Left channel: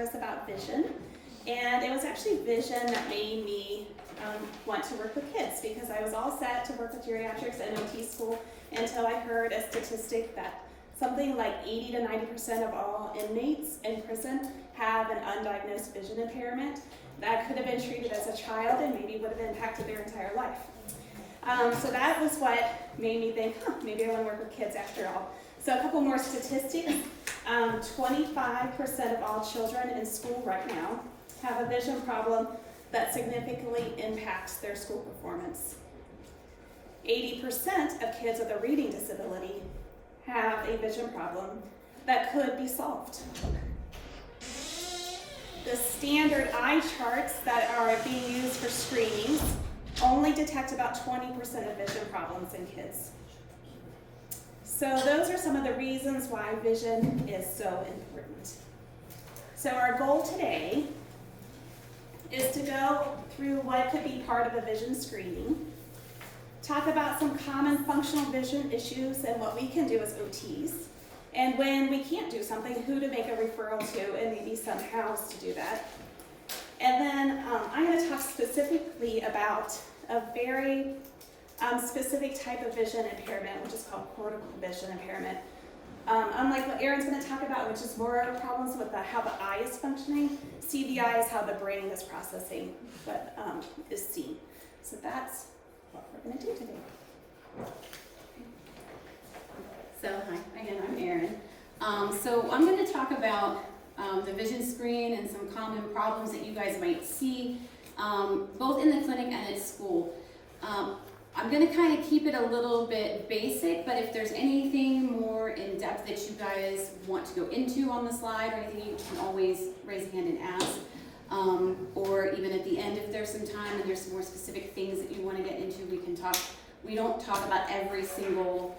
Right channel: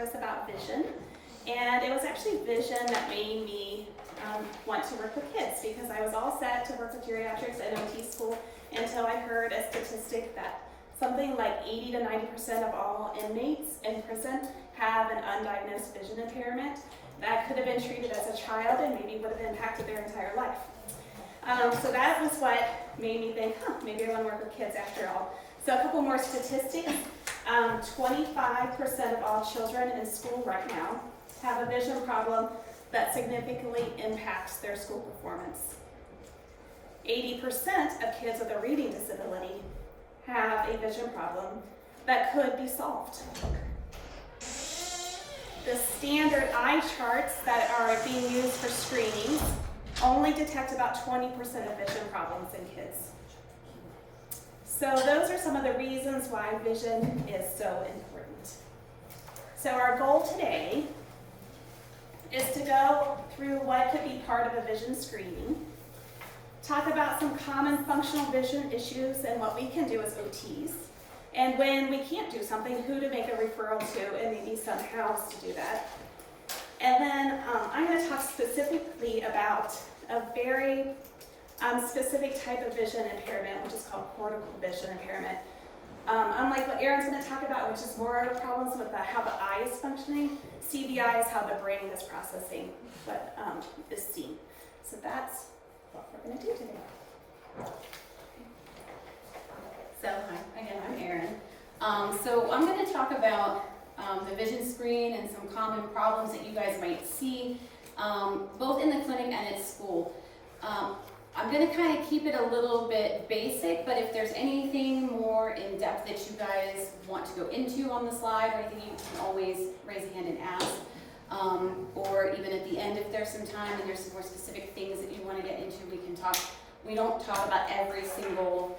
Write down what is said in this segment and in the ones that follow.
service about vision, and it was actually vision that made me want to work with kids, because I was all set to work with geriatrics and OT school until I heard a statistic that something like 80 to 90% of all inmates in prison have an undiagnosed vision impairment that could have been treated as a child and maybe would have impacted their entire life. So that was what made me think, maybe I want to work with kids after all. So a couple more statistics. 25% of all children in school right now have a vision problem that significantly impacts their school performance. 80% of kids with a reading disability have a vision problem that could be solved. The standard eye charts that are being used for screenings only detect about 20% of vision problems in kids. So those are some of the reasons why vision is so important. So our goal today is to go through what could be part of a vision screening, talk about some common functional vision issues and what we can do as OTs, and when we can't do something, who to make a referral to, and maybe some hows to do that. And then I'm going to talk specifically about a very specific type of vision impairment, which is called cortical vision impairment. Unlike what Erin's going to talk about, which is more problems with how the eye is functioning, CVI is how the brain is processing what is seen. So that's what we're going to do today. So hi, again, I'm Erin. So I'm going to talk about the vision screen and some common problems that you guys might see, both in the clinic and at school. I'm going to kind of keep it a little bit basic, but if there's anything more in depth that you guys want to go into on the slide or anything, you can always raise a hand and ask. Or even at the end, if there's some time and there's some more specific things that you want to get into, we can talk. We don't talk about every single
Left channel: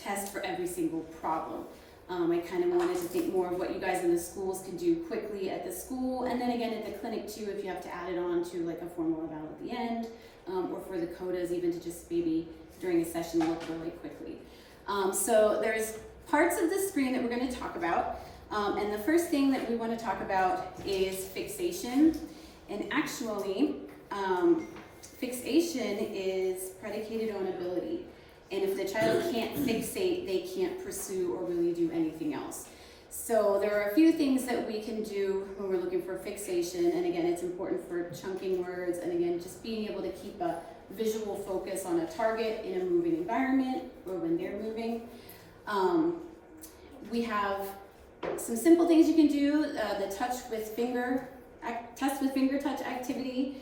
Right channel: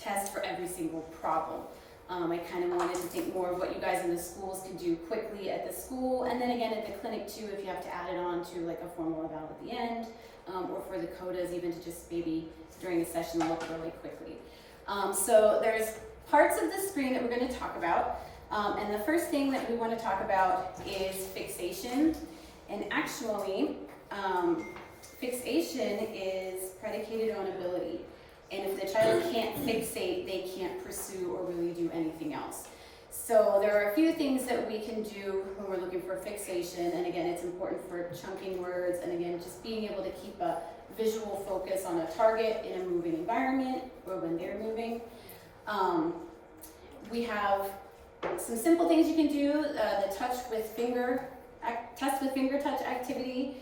test for every single problem. I kind of wanted to think more of what you guys in the schools can do quickly at the school, and then again at the clinic too, if you have to add it on to like a formal eval at the end, or for the codas, even to just maybe during a session look really quickly. So there's parts of the screen that we're going to talk about, and the first thing that we want to talk about is fixation, and actually fixation is predicated on ability. And if the child can't fixate, they can't pursue or really do anything else. So there are a few things that we can do when we're looking for fixation. And again, it's important for chunking words. And again, just being able to keep a visual focus on a target in a moving environment or when they're moving. We have some simple things you can do. The touch with finger touch activity.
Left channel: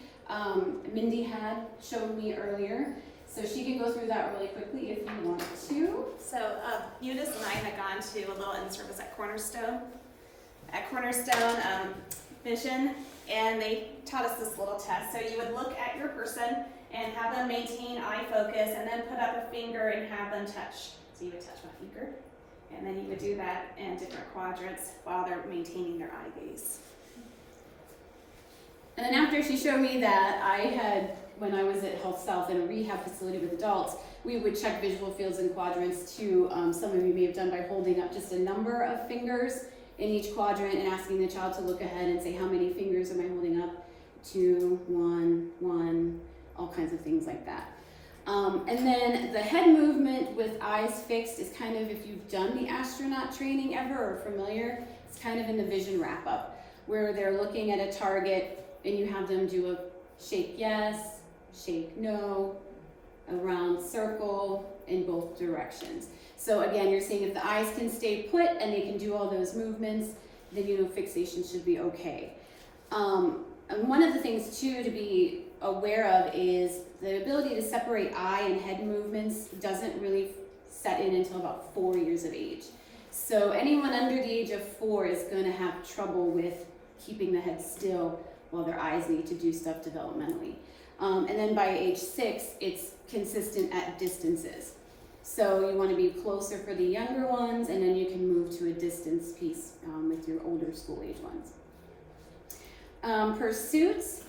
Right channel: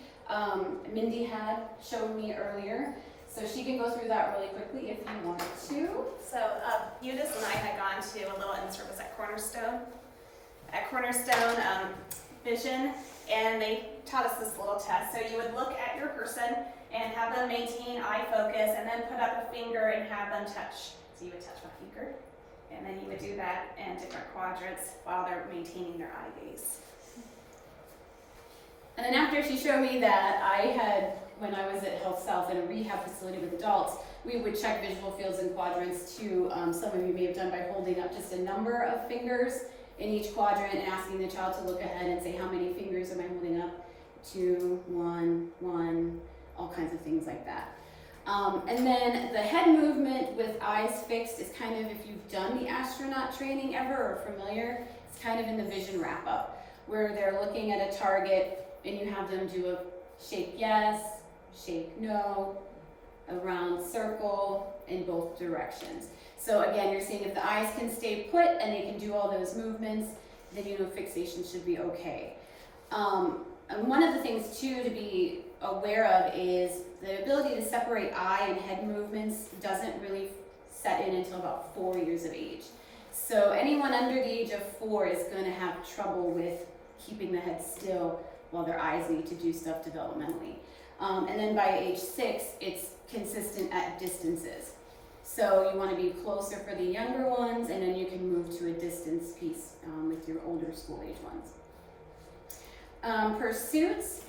Mindi had shown me earlier. So she can go through that really quickly if you want to. So Eunice and I had gone to a little in-service at Cornerstone. Vision, and they taught us this little test. So you would look at your person and have them maintain eye focus, and then put up a finger and have them touch. So you would touch my finger, and then you would do that in different quadrants while they're maintaining their eye gaze. And then after she showed me that, when I was at Health South in a rehab facility with adults, we would check visual fields and quadrants too. Some of you may have done by holding up just a number of fingers in each quadrant and asking the child to look ahead and say, how many fingers am I holding up? 2, 1, all kinds of things like that. And then the head movement with eyes fixed is kind of, if you've done the astronaut training ever or familiar, it's kind of in the vision wrap up, where they're looking at a target and you have them do a shake yes, shake no, a round circle in both directions. So again, you're seeing if the eyes can stay put and they can do all those movements, then you know fixation should be okay. And one of the things too to be aware of is the ability to separate eye and head movements doesn't really set in until about 4 years of age. So anyone under the age of 4 is going to have trouble with keeping the head still while their eyes need to do stuff developmentally. And then by age 6, it's consistent at distances. So you want to be closer for the younger ones, and then you can move to a distance piece with your older school age ones. Pursuits,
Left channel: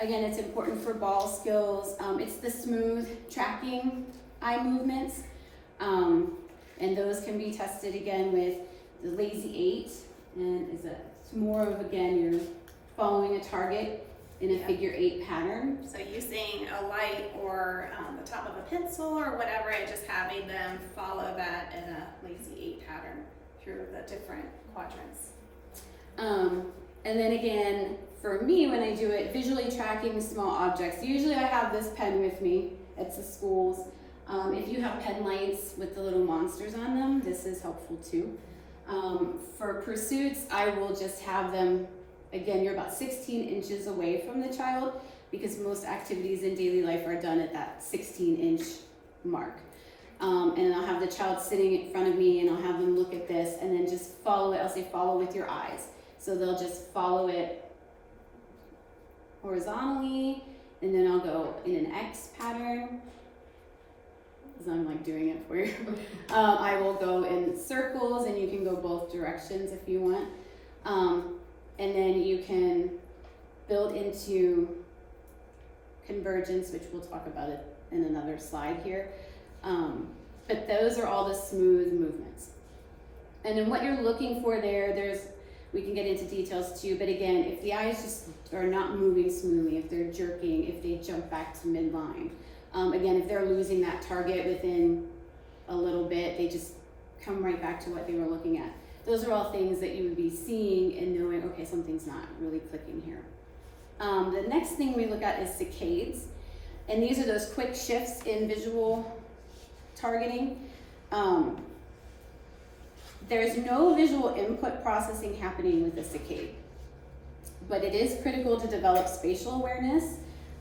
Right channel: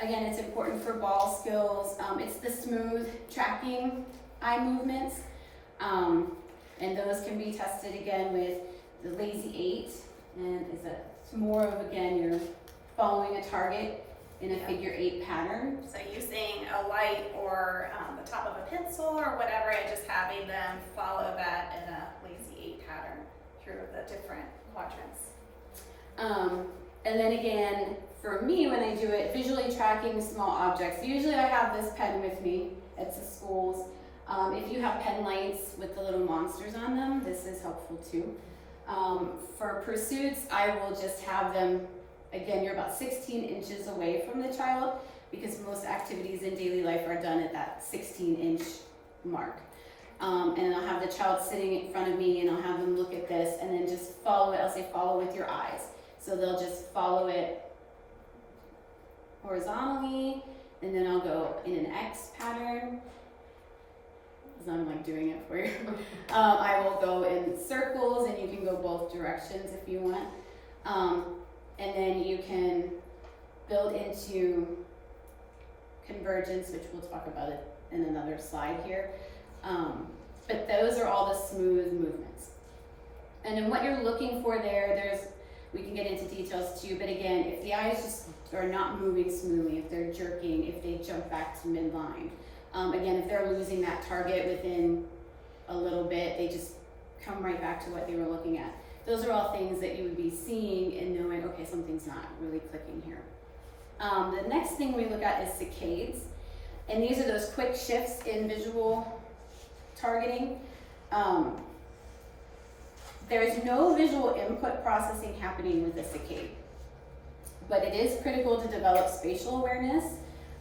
again, it's important for ball skills. It's the smooth tracking eye movements, and those can be tested again with the lazy 8, and is that It's more of, again, you're following a target in a figure 8 pattern. So using a light or the top of a pencil or whatever, and just having them follow that in a lazy 8 pattern through the different quadrants. And then again, for me, when I do it, visually tracking small objects. Usually I have this pen with me at the schools. If you have pen lights with the little monsters on them, this is helpful too. For pursuits, I will just have them, again, you're about 16 inches away from the child because most activities in daily life are done at that 16-inch mark. And I'll have the child sitting in front of me and I'll have them look at this and then just follow it. I'll say follow with your eyes. So they'll just follow it horizontally, and then I'll go in an X pattern, because I'm like doing it for you. I will go in circles, and you can go both directions if you want. And then you can build into convergence, which we'll talk about it in another slide here. But those are all the smooth movements. And then what you're looking for there, we can get into details too, but again, if the eyes just are not moving smoothly, if they're jerking, if they jump back to midline, again, if they're losing that target within a little bit, they just come right back to what they were looking at. Those are all things that you would be seeing and knowing, okay, something's not really clicking here. The next thing we look at is saccades, and these are those quick shifts in visual targeting. There's no visual input processing happening with a saccade, but it is critical to develop spatial awareness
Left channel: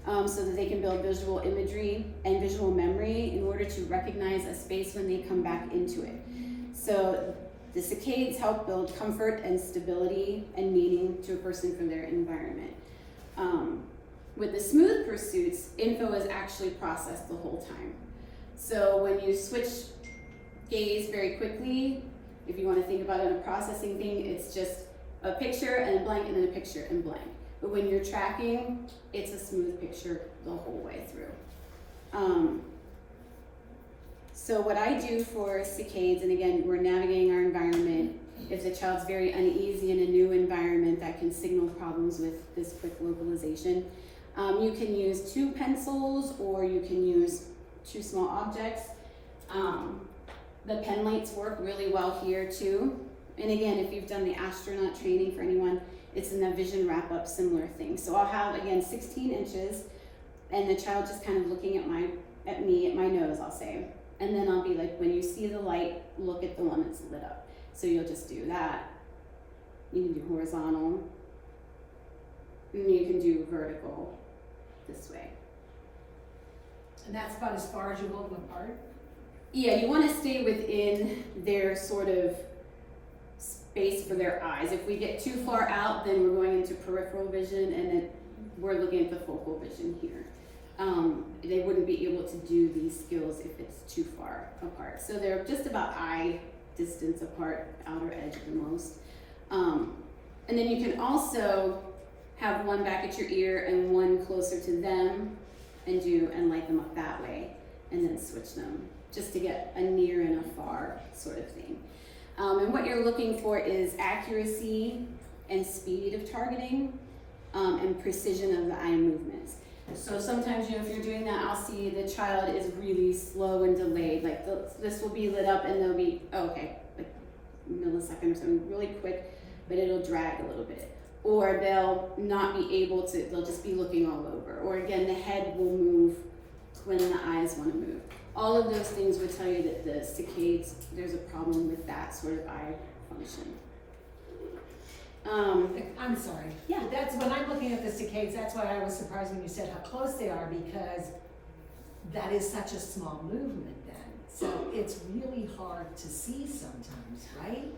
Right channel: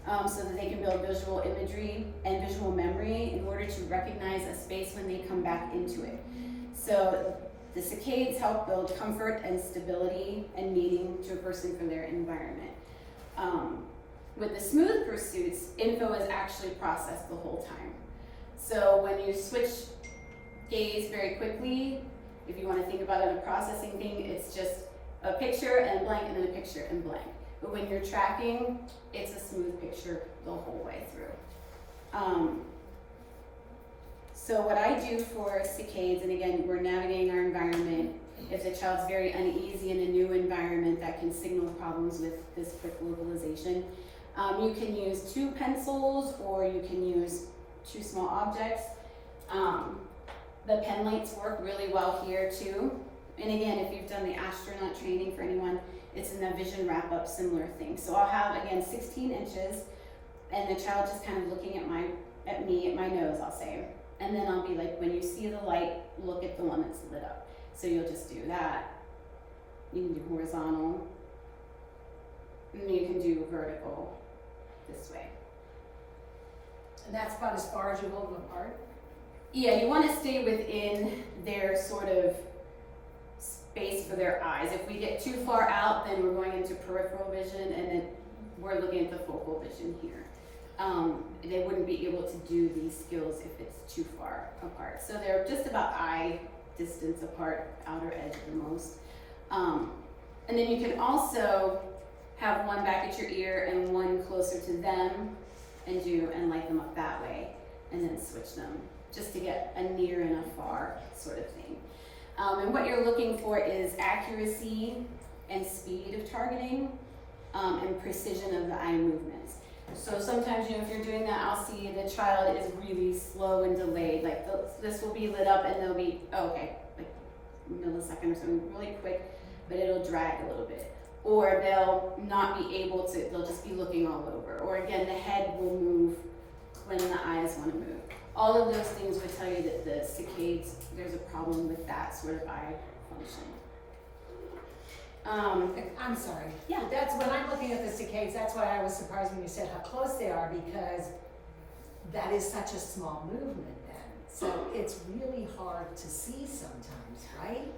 so that they can build visual imagery and visual memory in order to recognize a space when they come back into it. So the saccades help build comfort and stability and meaning to a person from their environment. With the smooth pursuits, info is actually processed the whole time. So when you switch gaze very quickly, if you want to think about it, a processing thing, it's just a picture and a blank and then a picture and blank. But when you're tracking, it's a smooth picture the whole way through. So what I do for saccades, and again, we're navigating our environment. If the child's very uneasy in a new environment, that can signal problems with this quick localization. You can use 2 pencils or you can use 2 small objects. The pen lights work really well here too. And again, if you've done the astronaut training for anyone, it's in a vision wrap up, similar thing. So I'll have, again, 16 inches and the child just kind of looking at me, at my nose, I'll say. And then I'll be like, when you see the light, look at the one that's lit up. So you'll just do that. You can do horizontal. And then you can do vertical this way. And that's about as far as you hold them apart? Yeah, you want to stay within their sort of space for their eyes. If we get too far out, then we're going into peripheral vision, and then we're looking at the focal vision here. They wouldn't be able to do these skills if it's too far apart. So they're just about eye distance apart, outer edge the most. And then you can also have one back at your ear and one closer to them and light them up that way, and then switch them, just to get a near and a far sort of thing. And what you're looking for is accuracy and speed of targeting, and precision of the eye movements. So sometimes, if you're doing that, I'll see the child is really slow and delayed. Like this will be lit up and they'll be, like millisecond or something, really quick, but it'll drag a little bit. Or they'll not be able to, they'll just be looking all over. Or again, the head will move when the eyes want to move. All of those things would tell you that the saccades, there's a problem with that sort of eye function. I'm sorry. Yeah. That's when I'm looking at the saccades, that's why I was surprised when you said how close they are, because that is such a small movement then. So it's really hard to see sometimes, right?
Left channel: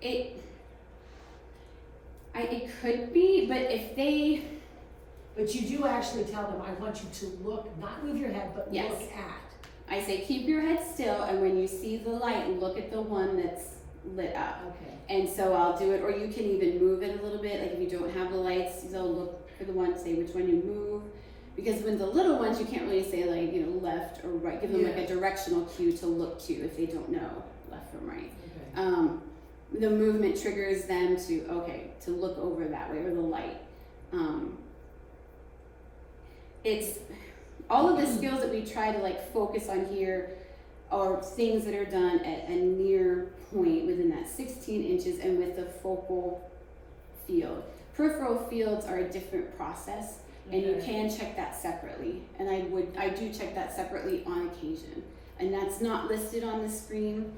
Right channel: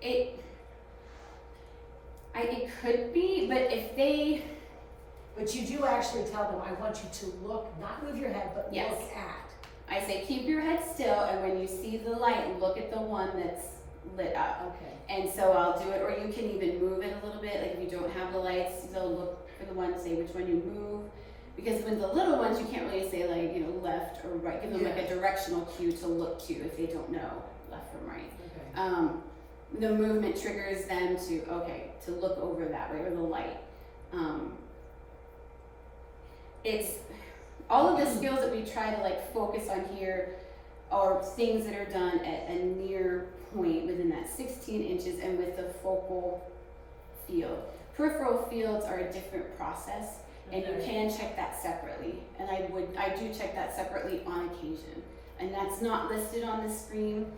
It could be, but if they... But you do actually tell them, I want you to look, not move your head, but Yes. look at. I say keep your head still, and when you see the light, look at the one that's lit up. Okay. And so I'll do it, or you can even move it a little bit, like if you don't have the lights, they'll look for the one, say which one you move. Because with the little ones, you can't really say like, left or right, give them like a directional cue to look to if they don't know. left from right. Okay. The movement triggers them to look over that way, or the light. It's all of the skills that we try to like focus on here are things that are done at a near point within that 16 inches and with the focal field. Peripheral fields are a different process, and you can check that separately. And I do check that separately on occasion. And that's not listed on the screen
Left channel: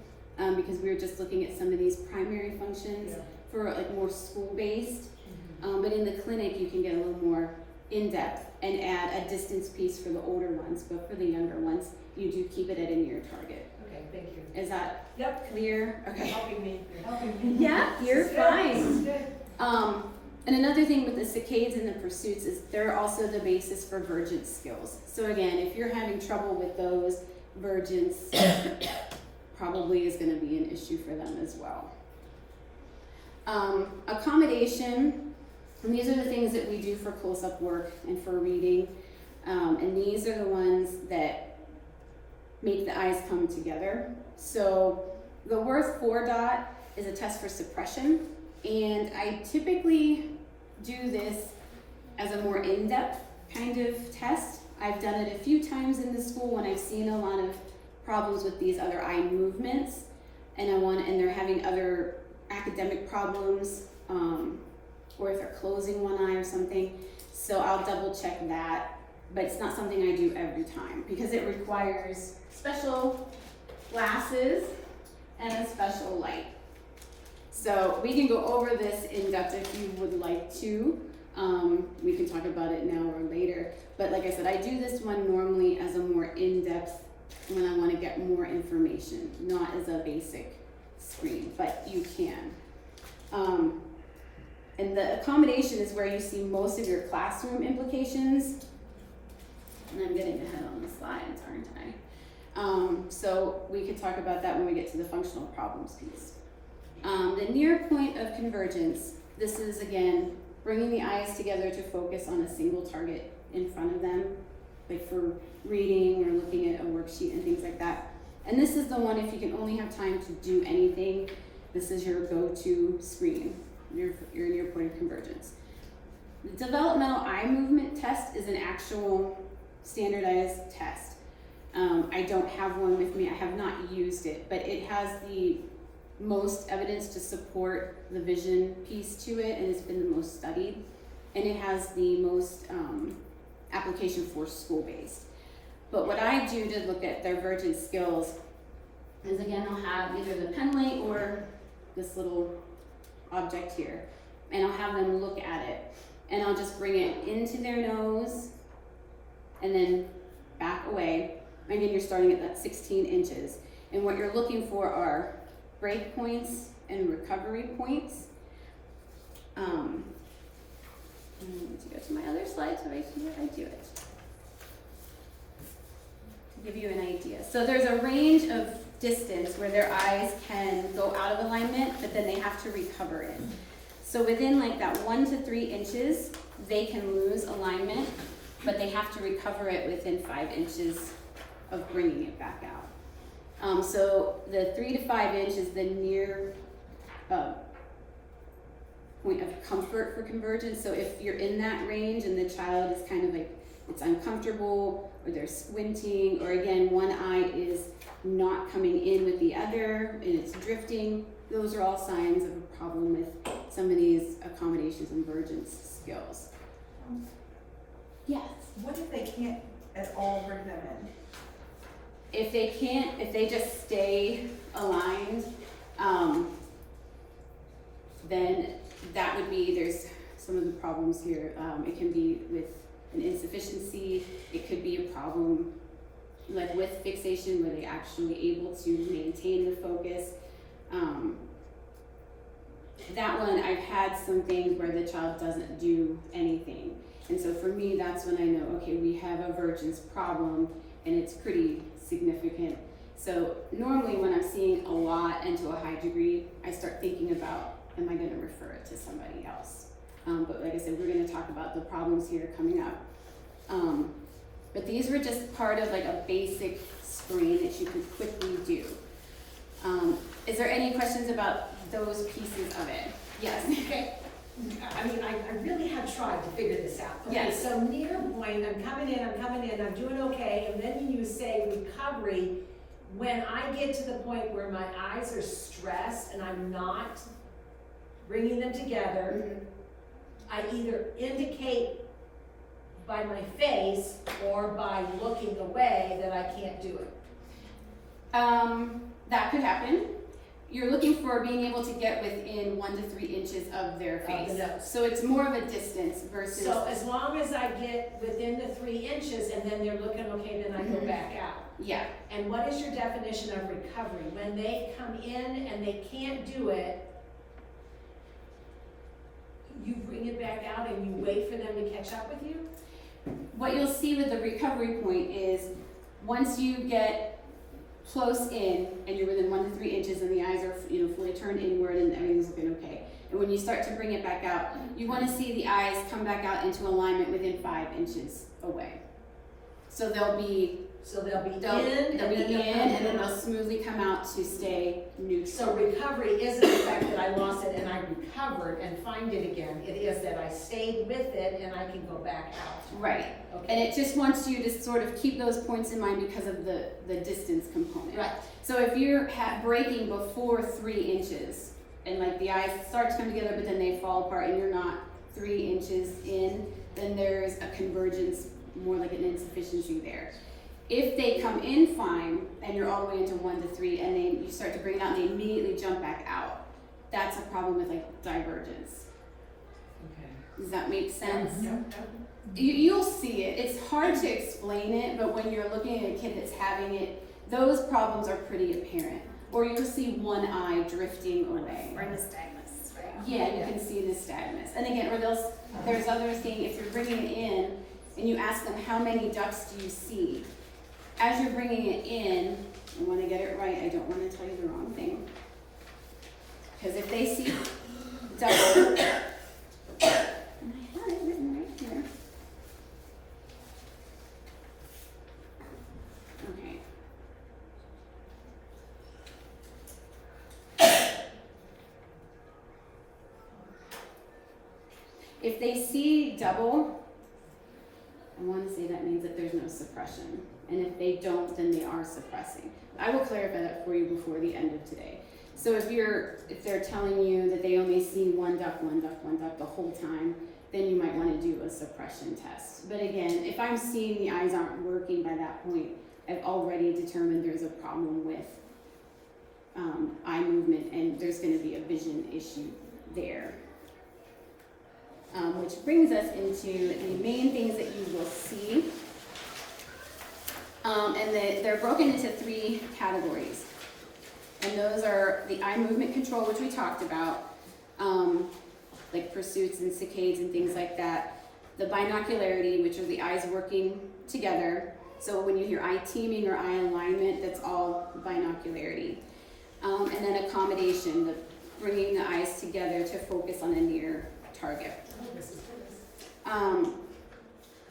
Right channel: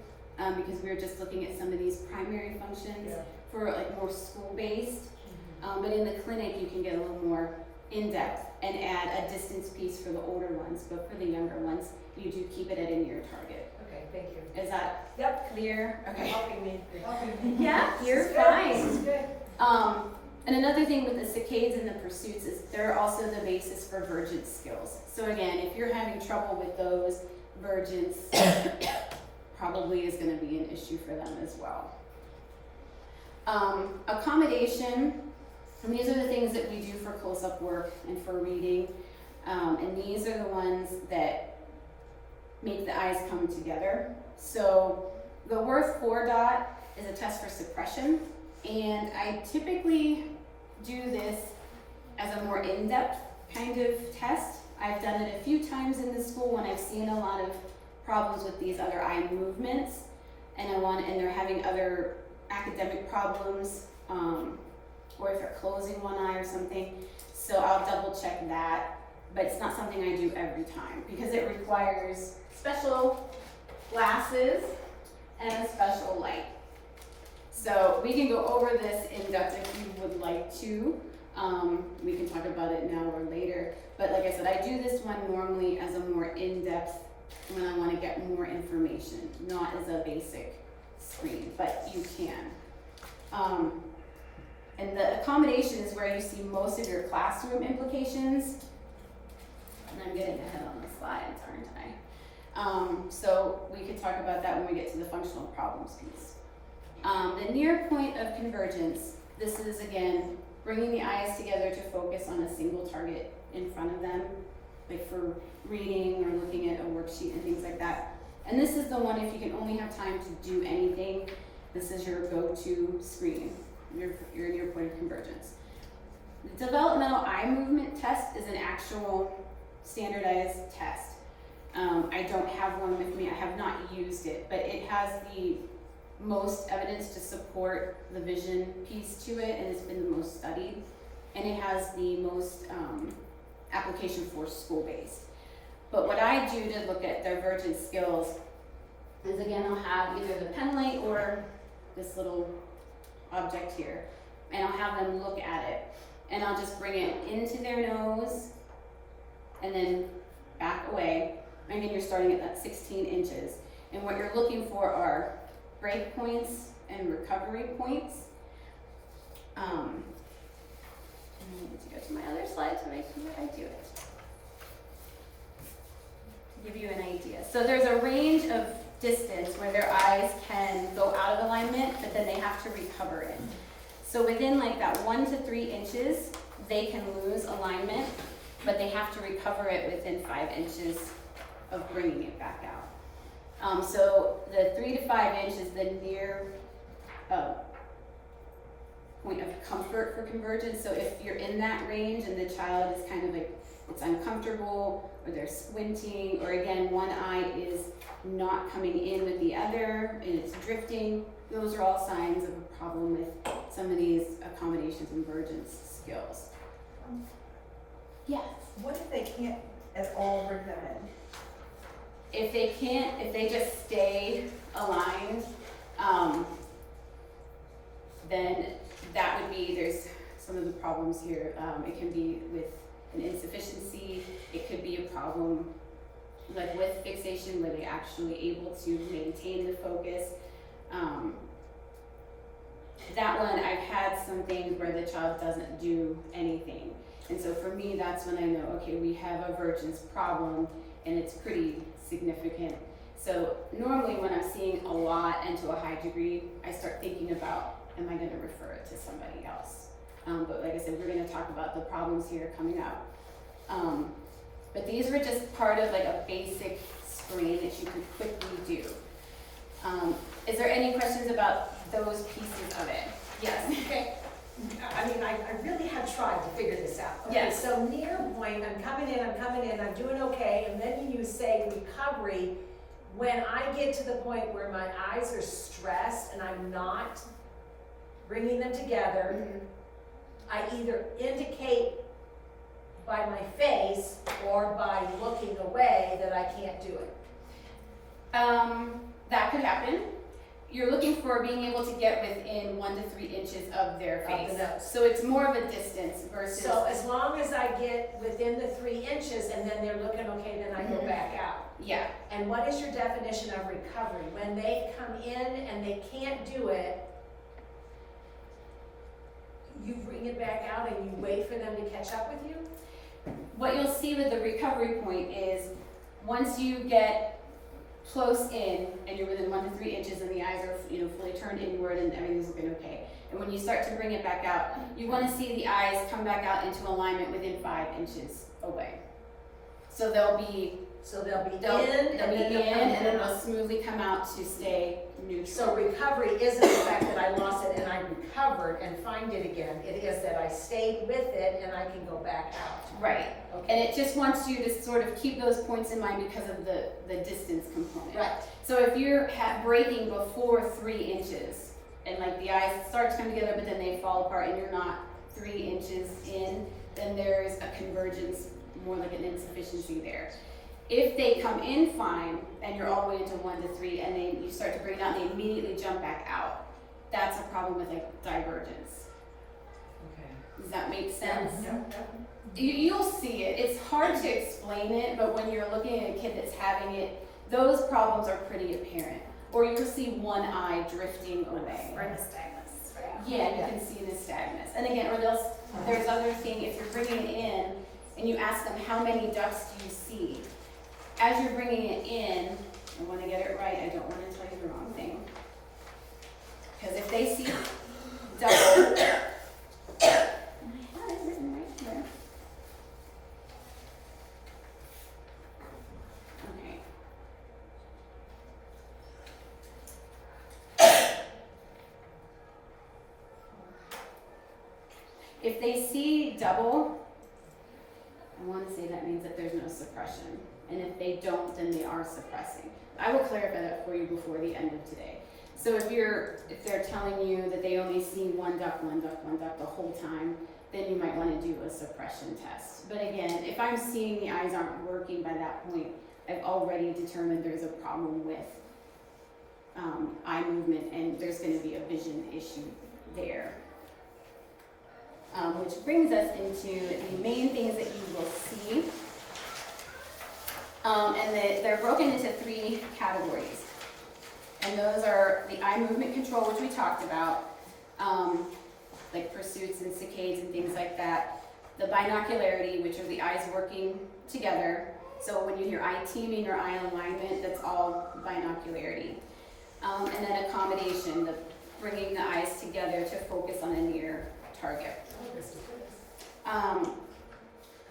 because we were just looking at some of these primary functions for like more school-based. But in the clinic, you can get a little more in-depth and add a distance piece for the older ones, but for the younger ones, you do keep it at a near target. Okay, thank you. Is that Yep. clear? Okay. You're helping me. You're helping me. Yeah, you're This is good. This is fine. good. And another thing with the saccades and the pursuits is they're also the basis for vergence skills. So again, if you're having trouble with those, vergence probably is going to be an issue for them as well. Accommodation, and these are the things that we do for close-up work and for reading. And these are the ones that make the eyes come together. So the Worth 4 dot is a test for suppression, and I typically do this as a more in-depth kind of test. I've done it a few times in the school when I've seen a lot of problems with these other eye movements, and they're having other academic problems, or if they're closing one eye or something. So I'll double check that, but it's not something I do every time because it requires special glasses and a special light. So we can go over this in depth if you would like to. We can talk about it now or later. But like I said, I do this one normally as a more in-depth when I want to get more information, not as a basic screen, but you can. And the accommodation is where you see most of your classroom implications. And I'm getting ahead on the slides, aren't I? So we could talk about that when we get to the functional problems piece. The near point of convergence, this is again, bringing the eyes together to focus on a single target in front of them, like for reading or looking at a worksheet and things like that. And this is the one, if you can only have time to do anything, this is your go-to screen, your near point of convergence. The developmental eye movement test is an actual standardized test. I don't have one with me, I have not used it, but it has the most evidence to support the vision piece to it, and it's been the most studied, and it has the most application for school-based. But what I do to look at their vergence skills is, again, I'll have either the pen light or this little object here, and I'll have them look at it, and I'll just bring it into their nose and then back away. Again, you're starting at that 16 inches, and what you're looking for are break points and recovery points. I need to go to my other slide so I see where I do it. To give you an idea. So there's a range of distance where their eyes can go out of alignment, but then they have to recover it. So within like that 1 to 3 inches, they can lose alignment, but they have to recover it within 5 inches of bringing it back out. So the 3 to 5 inch is the near point of comfort for convergence. So if you're in that range and the child is kind of like, it's uncomfortable, or they're squinting, or again, one eye is not coming in with the other and it's drifting, those are all signs of a problem with some of these accommodations and vergence skills. Yes? What if they can't at all bring them in? If they just stay aligned, then that would be, there's some of the problems here. It can be with an insufficiency, it could be a problem like with fixation where they're actually able to maintain the focus. That one, I've had some things where the child doesn't do anything. And so for me, that's when I know, okay, we have a vergence problem and it's pretty significant. So normally when I'm seeing a lot and to a high degree, I start thinking about, am I gonna refer it to somebody else? But like I said, we're gonna talk about the problems here coming up. But these were just part of like a basic screen that you could quickly do. Is there any questions about those pieces of it? Yes. Okay. I mean, I really have tried to figure this out. Okay, Yes. so near point, I'm coming in, I'm doing okay, and then you say recovery. When I get to the point where my eyes are stressed and I'm not bringing them together, I either indicate by my face or by looking away that I can't do it. That could happen. You're looking for being able to get within 1 to 3 inches of their face. the nose. So it's more of a distance versus. So as long as I get within the 3 inches and then they're looking okay, then I go back out. Yeah. And what is your definition of recovery? When they come in and they can't do it, you bring it back out and you wait for them to catch up with you? What you'll see with the recovery point is once you get close in and you're within 1 to 3 inches and the eyes are fully turned inward and everything's looking okay. And when you start to bring it back out, you want to see the eyes come back out into alignment within 5 inches away. So they'll be in, they'll be in and then out. they'll smoothly come out to stay neutral. So recovery isn't the fact that I lost it and I recovered and find it again. It is that I stayed with it and I can go back out. Right. Okay. And it just wants you to sort of keep those points in mind because of the distance component. Right. So if you're breaking before 3 inches and like the eyes start to come together but then they fall apart and you're not 3 inches in, then there's a convergence, more like an insufficiency there. If they come in fine and you're all the way into 1 to 3 and then you start to bring it out and they immediately jump back out, that's a problem with like divergence. Okay. Does that make sense? No. You'll see it. It's hard to explain it, but when you're looking at a kid that's having it, those problems are pretty apparent. Or you'll see one eye drifting away. Or nystagmus, right? Yeah, you can see nystagmus. And again, or there's other thing, if you're bringing it in and you ask them how many ducts do you see, as you're bringing it in, I want to get it right, I don't want to tell you the wrong thing. Because if they see double, and I had it written right here. Okay. If they see double, I want to say that means that there's no suppression. And if they don't, then they are suppressing. I will clarify that for you before the end of today. So if they're telling you that they only see one duct the whole time, then you might want to do a suppression test. But again, if I'm seeing the eyes aren't working by that point, I've already determined there's a problem with eye movement and there's going to be a vision issue there. Which brings us into the main things that you will see. And they're broken into 3 categories. And those are the eye movement control, which we talked about, like pursuits and saccades and things like that. The binocularity, which are the eyes working together. So when you hear eye teaming or eye alignment, that's all binocularity. And then accommodation, the bringing the eyes together to focus on a near target.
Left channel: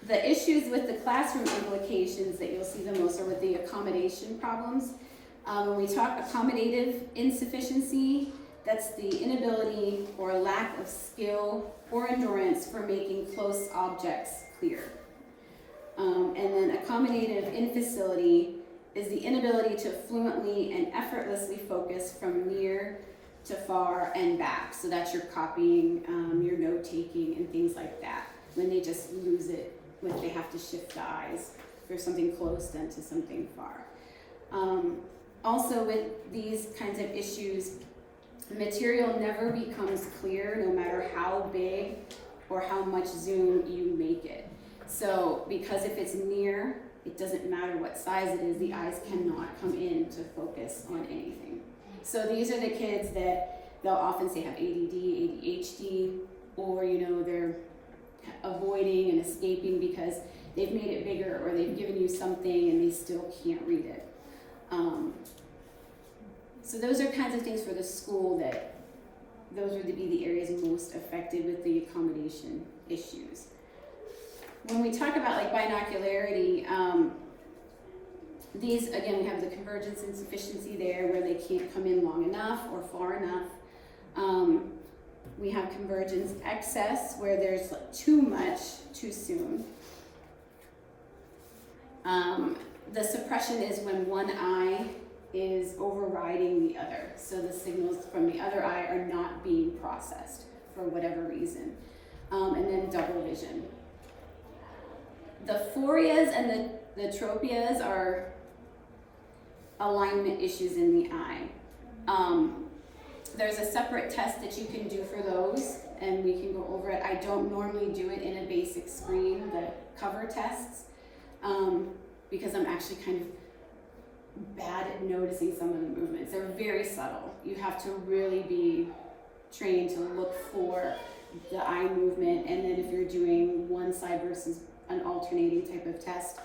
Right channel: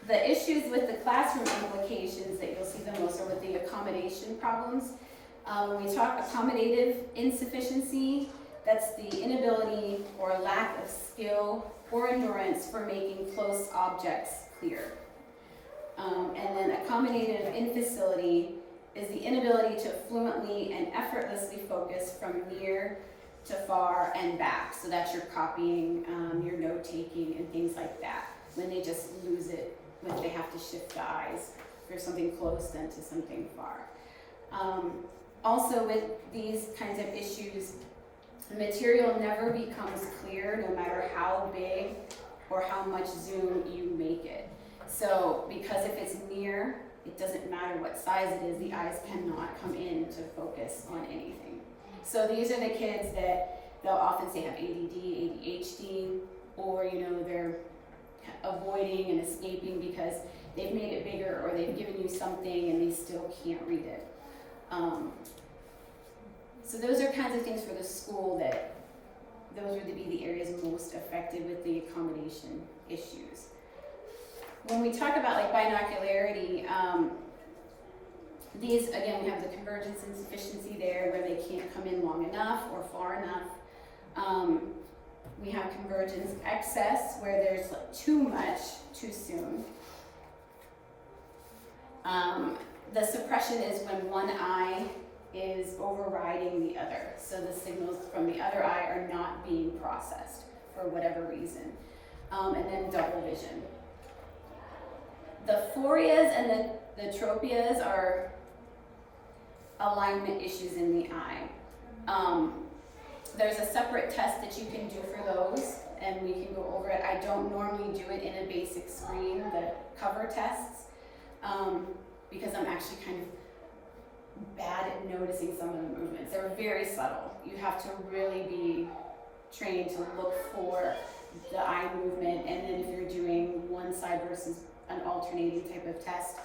The issues with the classroom implications that you'll see the most are with the accommodation problems. When we talk accommodative insufficiency, that's the inability or lack of skill or endurance for making close objects clear. And then accommodative infacility is the inability to fluently and effortlessly focus from near to far and back. So that's your copying, your note-taking, and things like that. When they just lose it, when they have to shift the eyes for something close then to something far. Also with these kinds of issues, material never becomes clear no matter how big or how much zoom you make it. So because if it's near, it doesn't matter what size it is, the eyes cannot come in to focus on anything. So these are the kids that they'll often say have ADD, ADHD, or they're avoiding and escaping because they've made it bigger or they've given you something and they still can't read it. So those are kinds of things for the school that those would be the areas most affected with the accommodation issues. When we talk about like binocularity, These, again, we have the convergence insufficiency there where they can't come in long enough or far enough. We have convergence excess where there's too much too soon. The suppression is when one eye is overriding the other. So the signals from the other eye are not being processed for whatever reason. And then double vision. The phorias and the tropias are alignment issues in the eye. There's a separate test that you can do for those, and we can go over it. I don't normally do it in a basic screen, the cover tests, because I'm actually kind of bad at noticing some of the movements. They're very subtle. You have to really be trained to look for the eye movement, and then if you're doing one side versus an alternating type of test,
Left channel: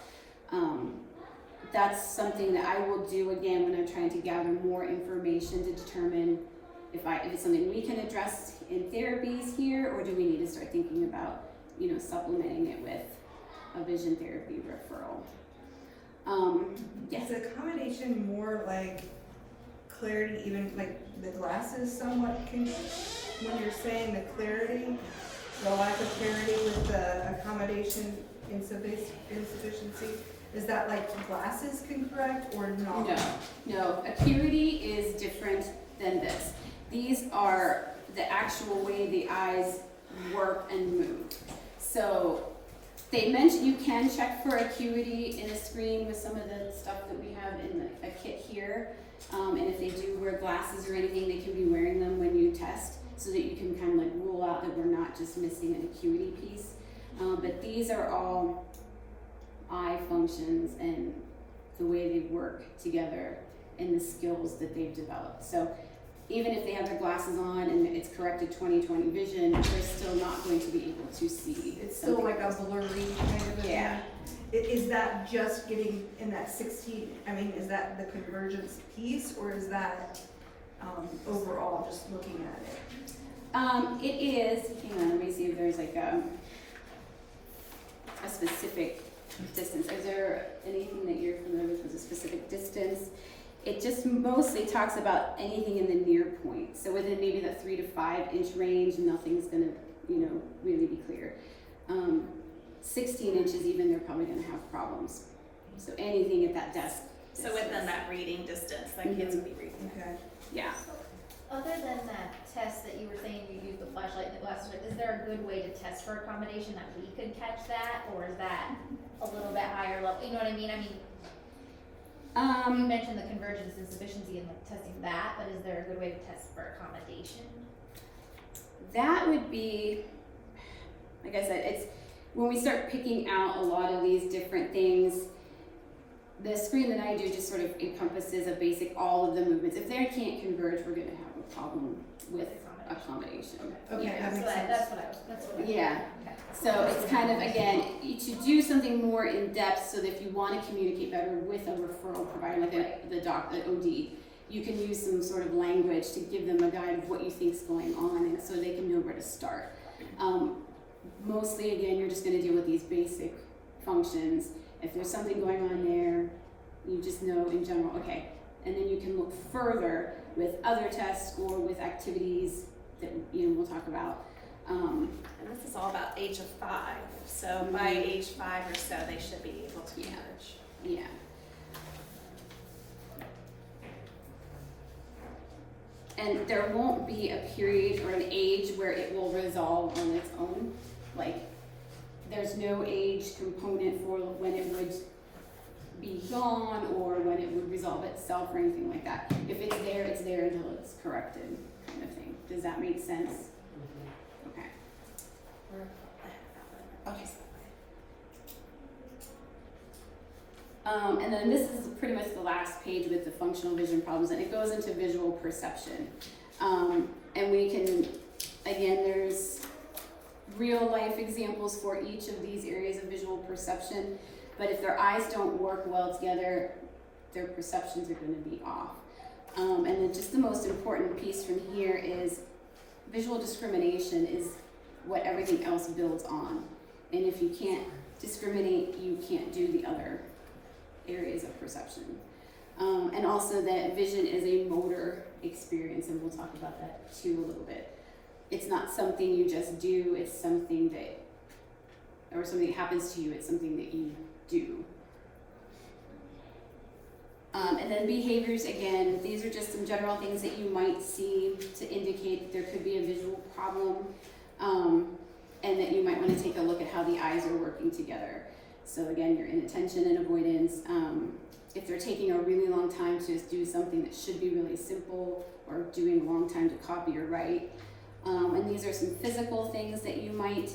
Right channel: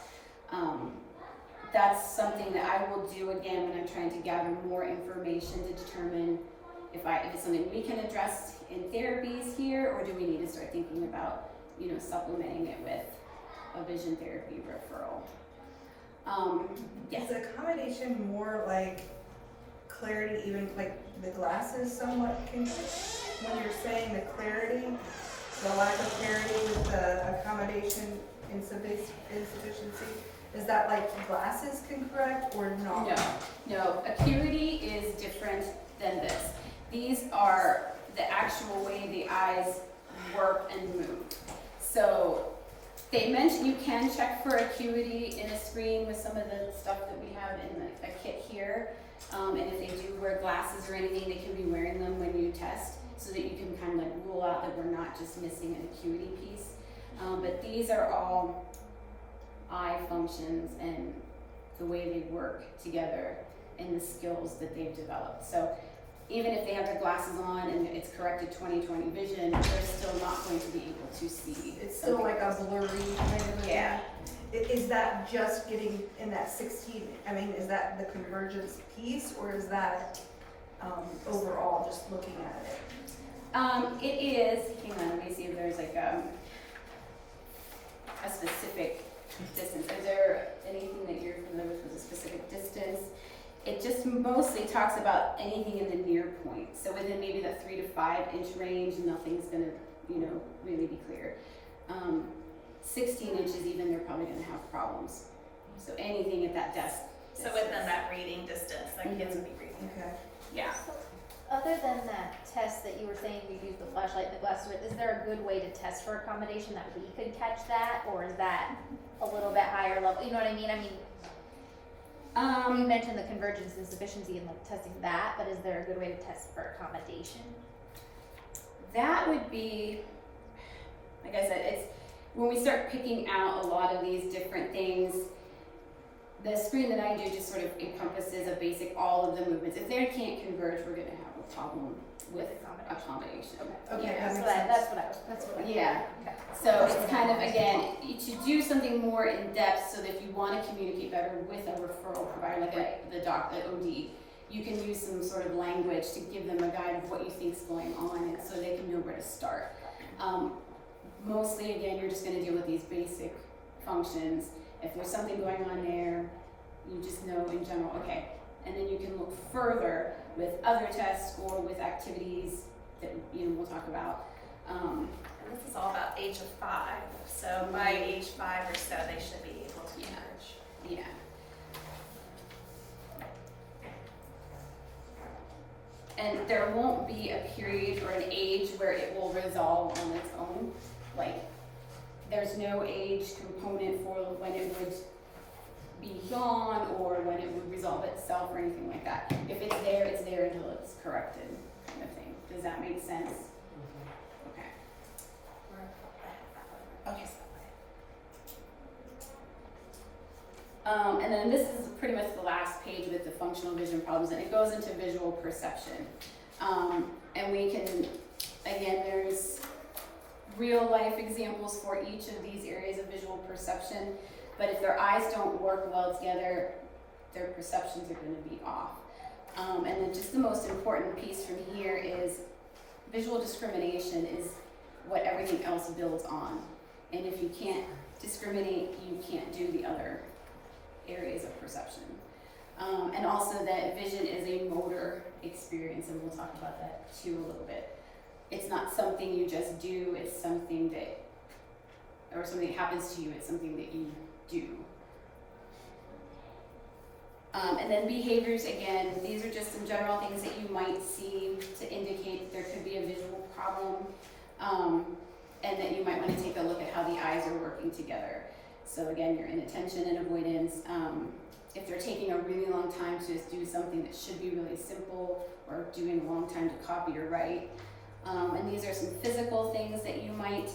that's something that I will do again when I'm trying to gather more information to determine if it's something we can address in therapies here, or do we need to start thinking about, supplementing it with a vision therapy referral. Yes. Is accommodation more like clarity, even like the glasses somewhat when you're saying the clarity, the lack of clarity with the accommodation insufficiency? Is that like glasses can correct or not? No. Acuity is different than this. These are the actual way the eyes work and move. So they mentioned you can check for acuity in a screen with some of the stuff that we have in a kit here. And if they do wear glasses or anything, they can be wearing them when you test so that you can kind of like rule out that we're not just missing an acuity piece. But these are all eye functions and the way they work together and the skills that they've developed. So even if they have their glasses on and it's corrected 20/20 vision, they're still not going to be able to see. It's still like a blurry kind of thing. Yeah. Is that just getting in that 16? I mean, is that the convergence piece, or is that overall just looking at it? It is. Hang on, let me see if there's like a specific distance. Is there anything that you're familiar with a specific distance? It just mostly talks about anything in the near point. So within maybe that 3 to 5 inch range, nothing's gonna, really be clear. 16 inches even, they're probably gonna have problems. So anything at that desk. So within that reading distance, that kids would be reading. Okay. Yeah. Other than that test that you were saying you use the flashlight and the glasses with, is there a good way to test for accommodation that we could catch that, or is that a little bit higher level? You know what I mean? You mentioned the convergence insufficiency and like testing that, but is there a good way to test for accommodation? That would be, like I said, it's when we start picking out a lot of these different things. The screen that I do just sort of encompasses a basic all of the movements. If they can't converge, we're going to have a problem with accommodation. Okay. Yeah. So that's what I Yeah. Okay. So it's kind of, again, to do something more in depth so that if you want to communicate better with a referral provider, like the OD, you can use some sort of language to give them a guide of what you think is going on, and so they can know where to start. Mostly, again, you're just going to deal with these basic functions. If there's something going on there, you just know in general, okay. And then you can look further with other tests or with activities that we'll talk about. And this is all about age of 5. So by age 5 or so, they should be able to converge. Yeah. And there won't be a period or an age where it will resolve on its own. Like, there's no age component for when it would be gone or when it would resolve itself or anything like that. If it's there until it's corrected, kind of thing. Does that make sense? Okay. Okay. And then this is pretty much the last page with the functional vision problems, and it goes into visual perception. And we can, again, there's real life examples for each of these areas of visual perception, but if their eyes don't work well together, their perceptions are going to be off. And then just the most important piece from here is visual discrimination is what everything else builds on. And if you can't discriminate, you can't do the other areas of perception. And also that vision is a motor experience, and we'll talk about that too a little bit. It's not something you just do, it's something that, or something that happens to you, it's something that you do. And then behaviors, again, these are just some general things that you might see to indicate that there could be a visual problem, and that you might want to take a look at how the eyes are working together. So again, your inattention and avoidance. If they're taking a really long time to do something that should be really simple, or doing a long time to copy or write. And these are some physical things that you might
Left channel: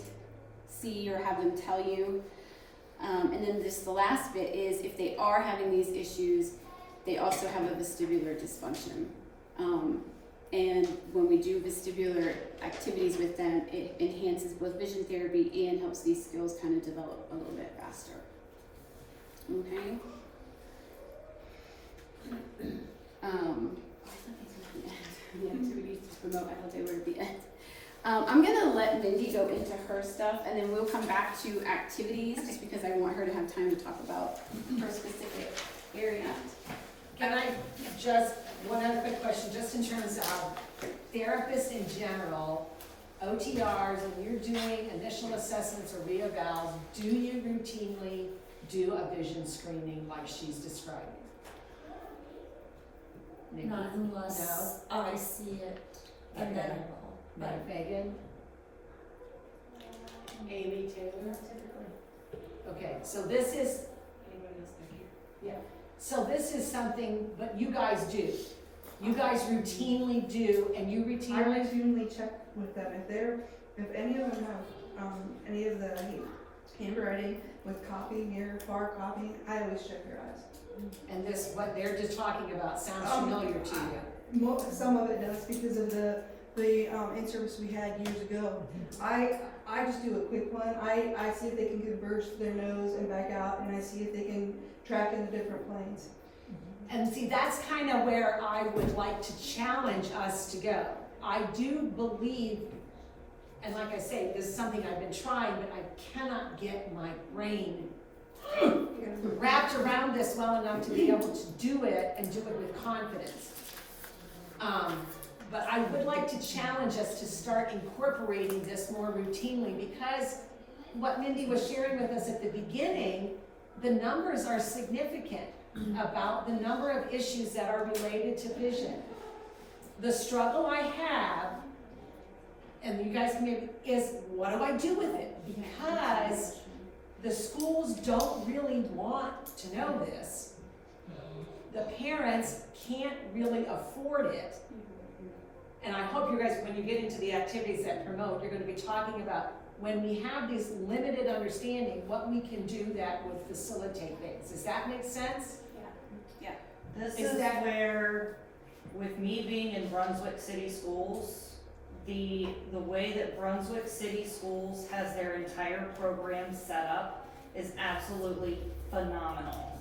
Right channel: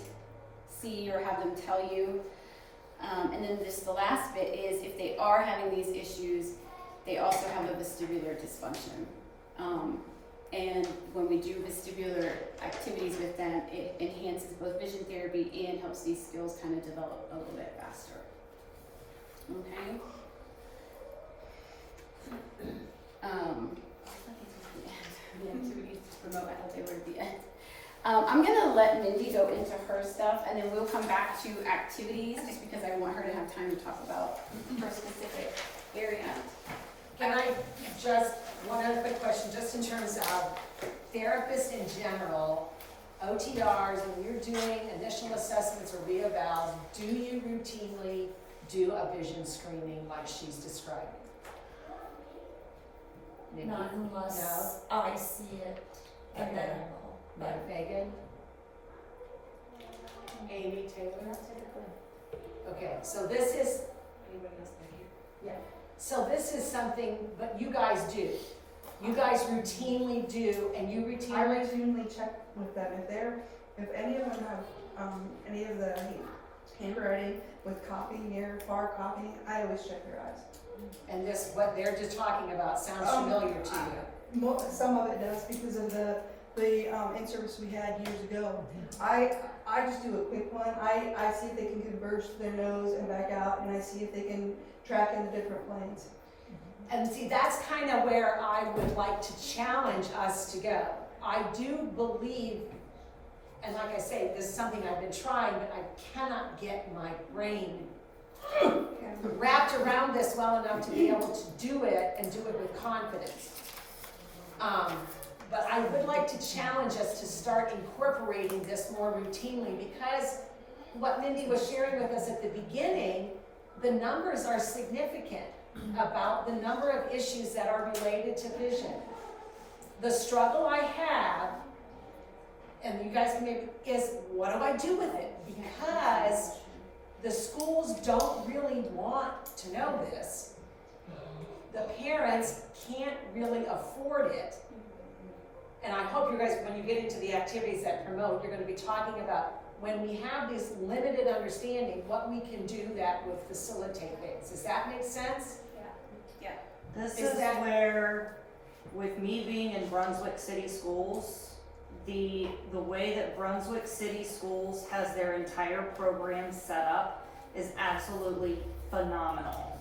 see or have them tell you. And then just the last bit is if they are having these issues, they also have a vestibular dysfunction. And when we do vestibular activities with them, it enhances both vision therapy and helps these skills kind of develop a little bit faster. Okay? The activities to promote adult they were at the end. I'm gonna let Mindi go into her stuff, and then we'll come back to activities, just because I want her to have time to talk about her specific area. Can I just, one other quick question, just in terms of therapists in general, OTRs, when you're doing initial assessments or reevals, do you routinely do a vision screening like she's describing? Maybe. Not unless I see it, and then I will. But Megan? Amy Taylor. Okay, so this is, Anybody else? so this is something, but you guys do. You guys routinely do, and you I routinely, routinely check with them, if any of them have, any of the handwriting with copying, near, far copying, I always check their eyes. and this, what they're just talking about sounds familiar to you. Some of it does because of the in-service we had years ago. I just do a quick one. I see if they can converge to their nose and back out, and I see if they can track in the different planes. And see, that's kind of where I would like to challenge us to go. I do believe, and like I say, this is something I've been trying, but I cannot get my brain wrapped around this well enough to be able to do it and do it with confidence. But I would like to challenge us to start incorporating this more routinely, because what Mindi was sharing with us at the beginning, the numbers are significant about the number of issues that are related to vision. The struggle I have, and you guys can maybe, is what do I do with it? Because the schools don't really want to know this. The parents can't really afford it. And I hope you guys, when you get into the activities that promote, you're gonna be talking about when we have this limited understanding, what we can do that would facilitate things. Does that make sense? This Is is that- where, with me being in Brunswick City Schools, the way that Brunswick City Schools has their entire program set up is absolutely phenomenal.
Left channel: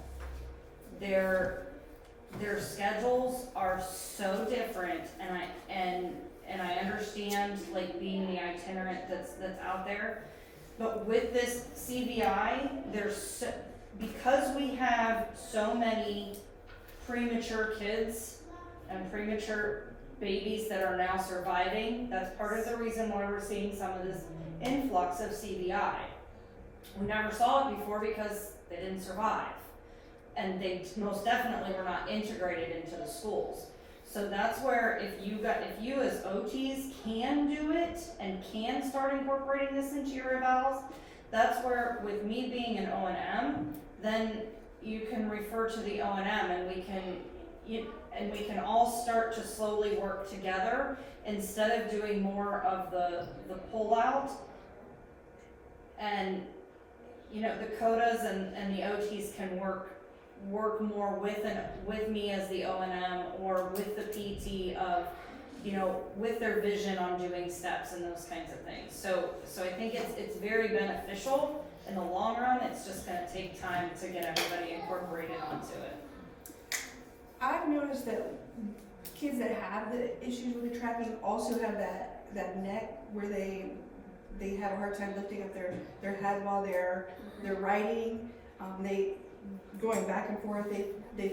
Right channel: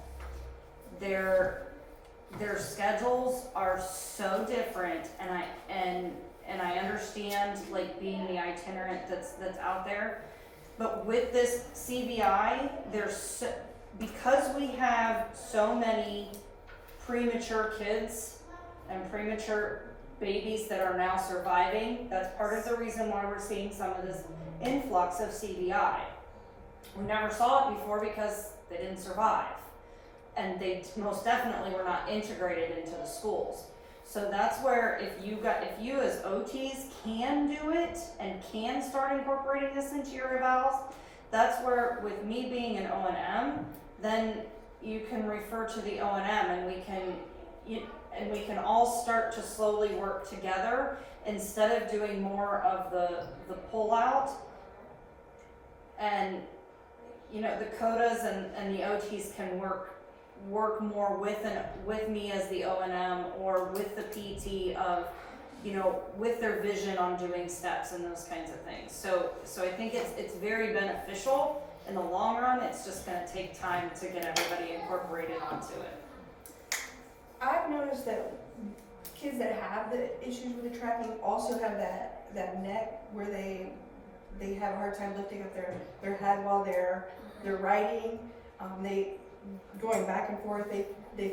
Their schedules are so different, and I understand like being the itinerant that's out there, but with this CVI, because we have so many premature kids and premature babies that are now surviving, that's part of the reason why we're seeing some of this influx of CVI. We never saw it before because they didn't survive, and they most definitely were not integrated into the schools. So that's where if you as OTs can do it and can start incorporating this into your evals, that's where, with me being an O&M, then you can refer to the O&M and we can all start to slowly work together instead of doing more of the pull-out. And the CODAs and the OTs can work more with me as the O&M or with the PT of, with their vision on doing steps and those kinds of things. So I think it's very beneficial in the long run. It's just gonna take time to get everybody incorporated onto it. I've noticed that kids that have the issues with the tracking also have that neck where they have a hard time lifting up their head while they're writing. going back and forth, they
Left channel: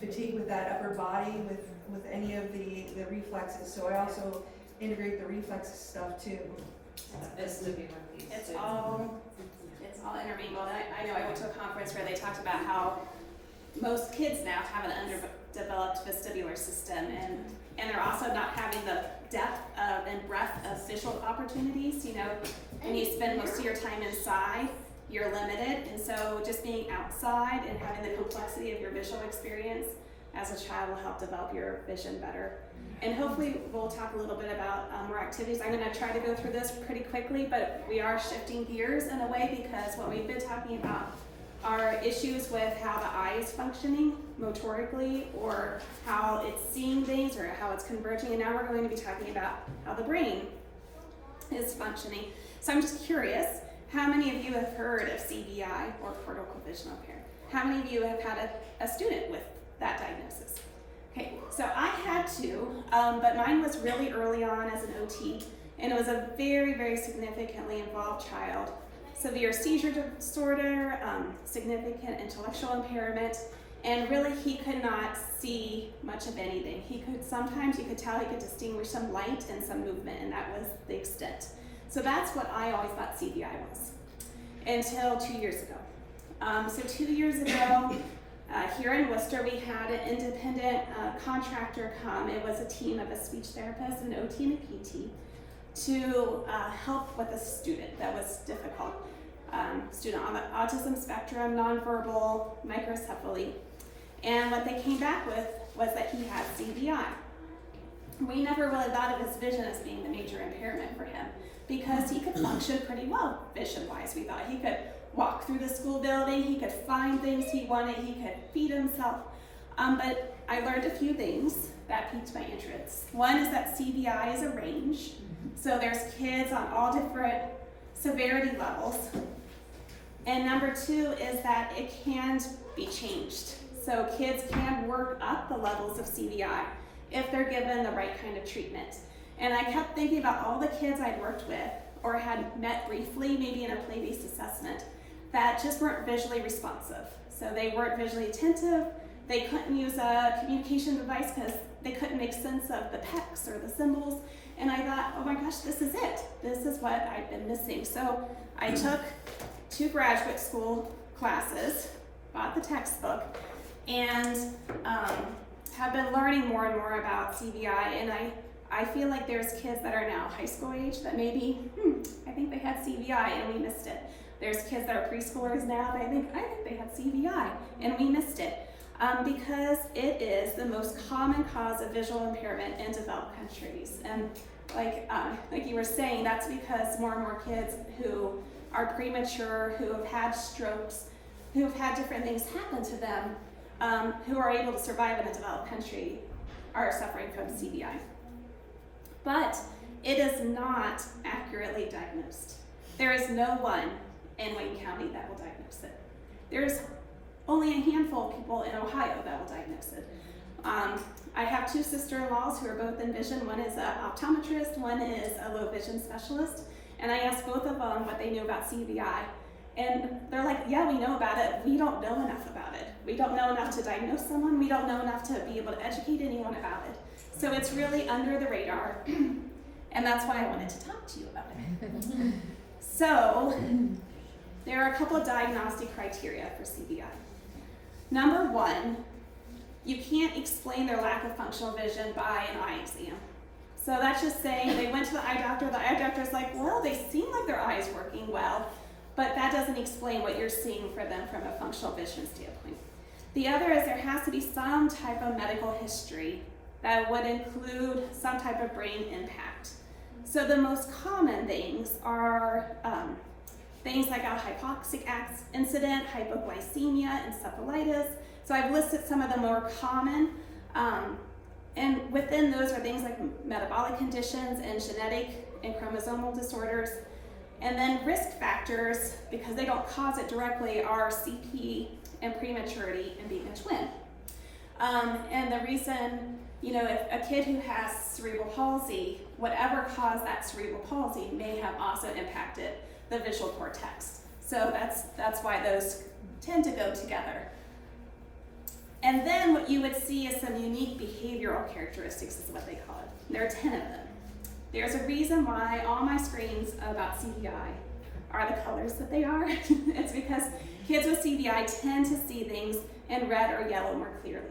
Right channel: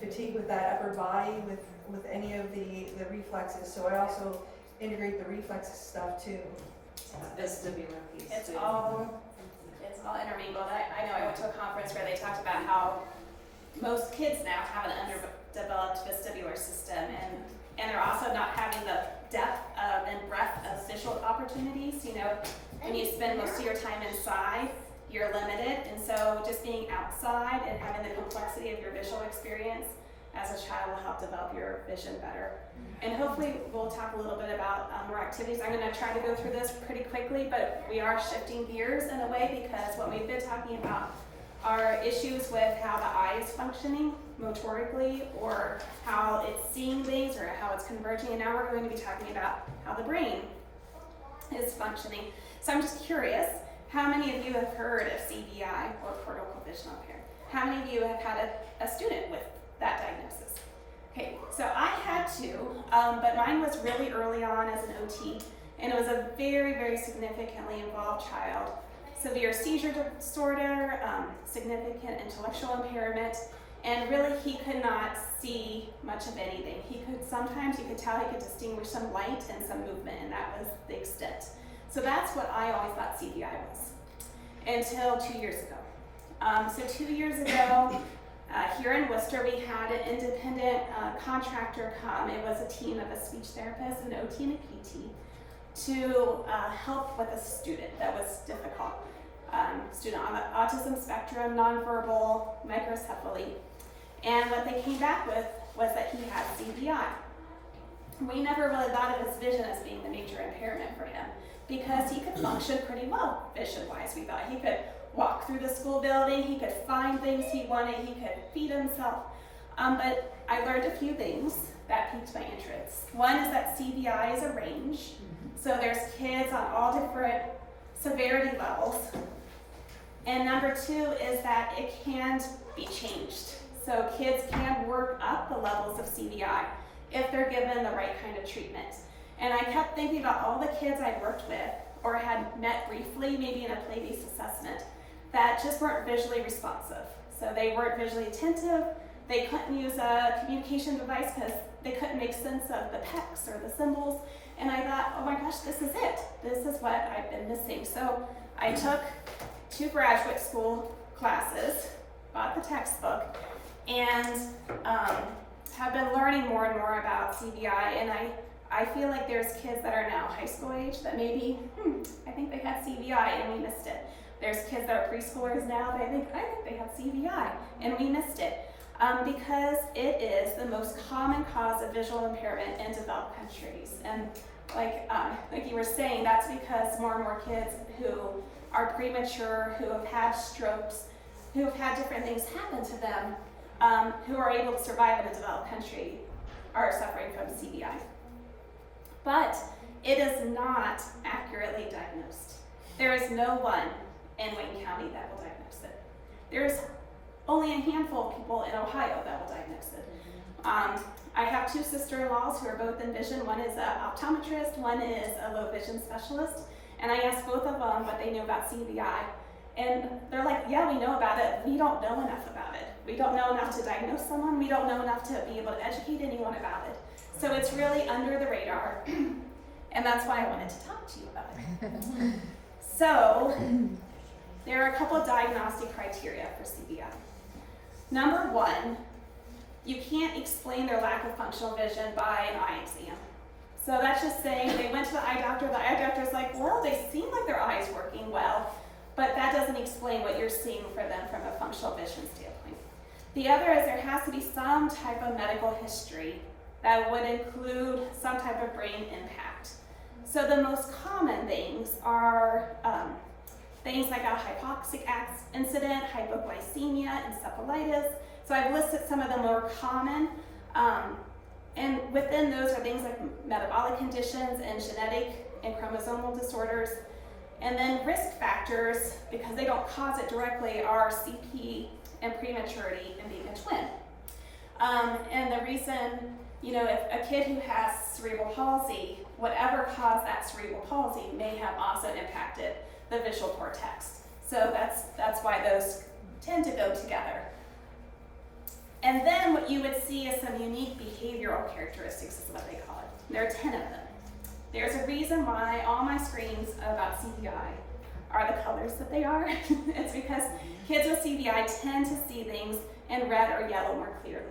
fatigue with that upper body, with any of the reflexes, so I also integrate the reflexes stuff too. Vestibular piece. It's too. all intermingled. I know I went to a conference where they talked about how most kids now have an underdeveloped vestibular system, and they're also not having the depth of and breadth of visual opportunities. You know, when you spend most of your time inside, you're limited, and so just being outside and having the complexity of your visual experience as a child will help develop your vision better. And hopefully we'll talk a little bit about more activities. I'm going to try to go through this pretty quickly, but we are shifting gears in a way because what we've been talking about are issues with how the eye is functioning motorically, or how it's seeing things, or how it's converging, and now we're going to be talking about how the brain is functioning. So I'm just curious, how many of you have heard of CVI, or cortical vision impaired? How many of you have had a student with that diagnosis? Okay, so I had two, but mine was really early on as an OT, and it was a very, very significantly involved child. Severe seizure disorder, significant intellectual impairment, and really he could not see much of anything. Sometimes you could tell he could distinguish some light and some movement, and that was the extent. So that's what I always thought CVI was, until 2 years ago. So 2 years ago, here in Worcester, we had an independent contractor come. It was a team of a speech therapist, an OT and a PT, to help with a student that was difficult. Student on the autism spectrum, nonverbal, microcephaly. And what they came back with was that he had CVI. We never really thought of his vision as being the major impairment for him, because he could function pretty well vision-wise. We thought he could walk through the school building, he could find things he wanted, he could feed himself. But I learned a few things that piqued my interest. One is that CVI is a range. So there's kids on all different severity levels. And number two is that it can be changed. So kids can work up the levels of CVI if they're given the right kind of treatment. And I kept thinking about all the kids I'd worked with or had met briefly, maybe in a play-based assessment, that just weren't visually responsive. So they weren't visually attentive, they couldn't use a communication device because they couldn't make sense of the PECs or the symbols. And I thought, oh my gosh, this is it. This is what I've been missing. So I took 2 graduate school classes, bought the textbook, and have been learning more and more about CVI. And I feel like there's kids that are now high school age that maybe, I think they had CVI and we missed it. There's kids that are preschoolers now that I think they had CVI and we missed it. Because it is the most common cause of visual impairment in developed countries. And like you were saying, that's because more and more kids who are premature, who have had strokes, who have had different things happen to them, who are able to survive in a developed country, are suffering from CVI. But it is not accurately diagnosed. There is no one in Wayne County that will diagnose it. There's only a handful of people in Ohio that will diagnose it. I have 2 sister-in-laws who are both in vision. One is an optometrist, one is a low vision specialist. And I asked both of them what they knew about CVI. And they're like, yeah, we know about it. We don't know enough about it. We don't know enough to diagnose someone. We don't know enough to be able to educate anyone about it. So it's really under the radar. And that's why I wanted to talk to you about it. So there are a couple of diagnostic criteria for CVI. Number 1, you can't explain their lack of functional vision by an eye exam. So that's just saying they went to the eye doctor's like, well, they seem like their eye's working well, but that doesn't explain what you're seeing for them from a functional vision standpoint. The other is there has to be some type of medical history that would include some type of brain impact. So the most common things are things like a hypoxic incident, hypoglycemia, encephalitis. So I've listed some of the more common, and within those are things like metabolic conditions and genetic and chromosomal disorders. And then risk factors, because they don't cause it directly, are CP and prematurity and being a twin. And the reason, if a kid who has cerebral palsy, whatever caused that cerebral palsy may have also impacted the visual cortex. So that's why those tend to go together. And then what you would see is some unique behavioral characteristics is what they call it. There are 10 of them. There's a reason why all my screens about CVI are the colors that they are. It's because kids with CVI tend to see things in red or yellow more clearly.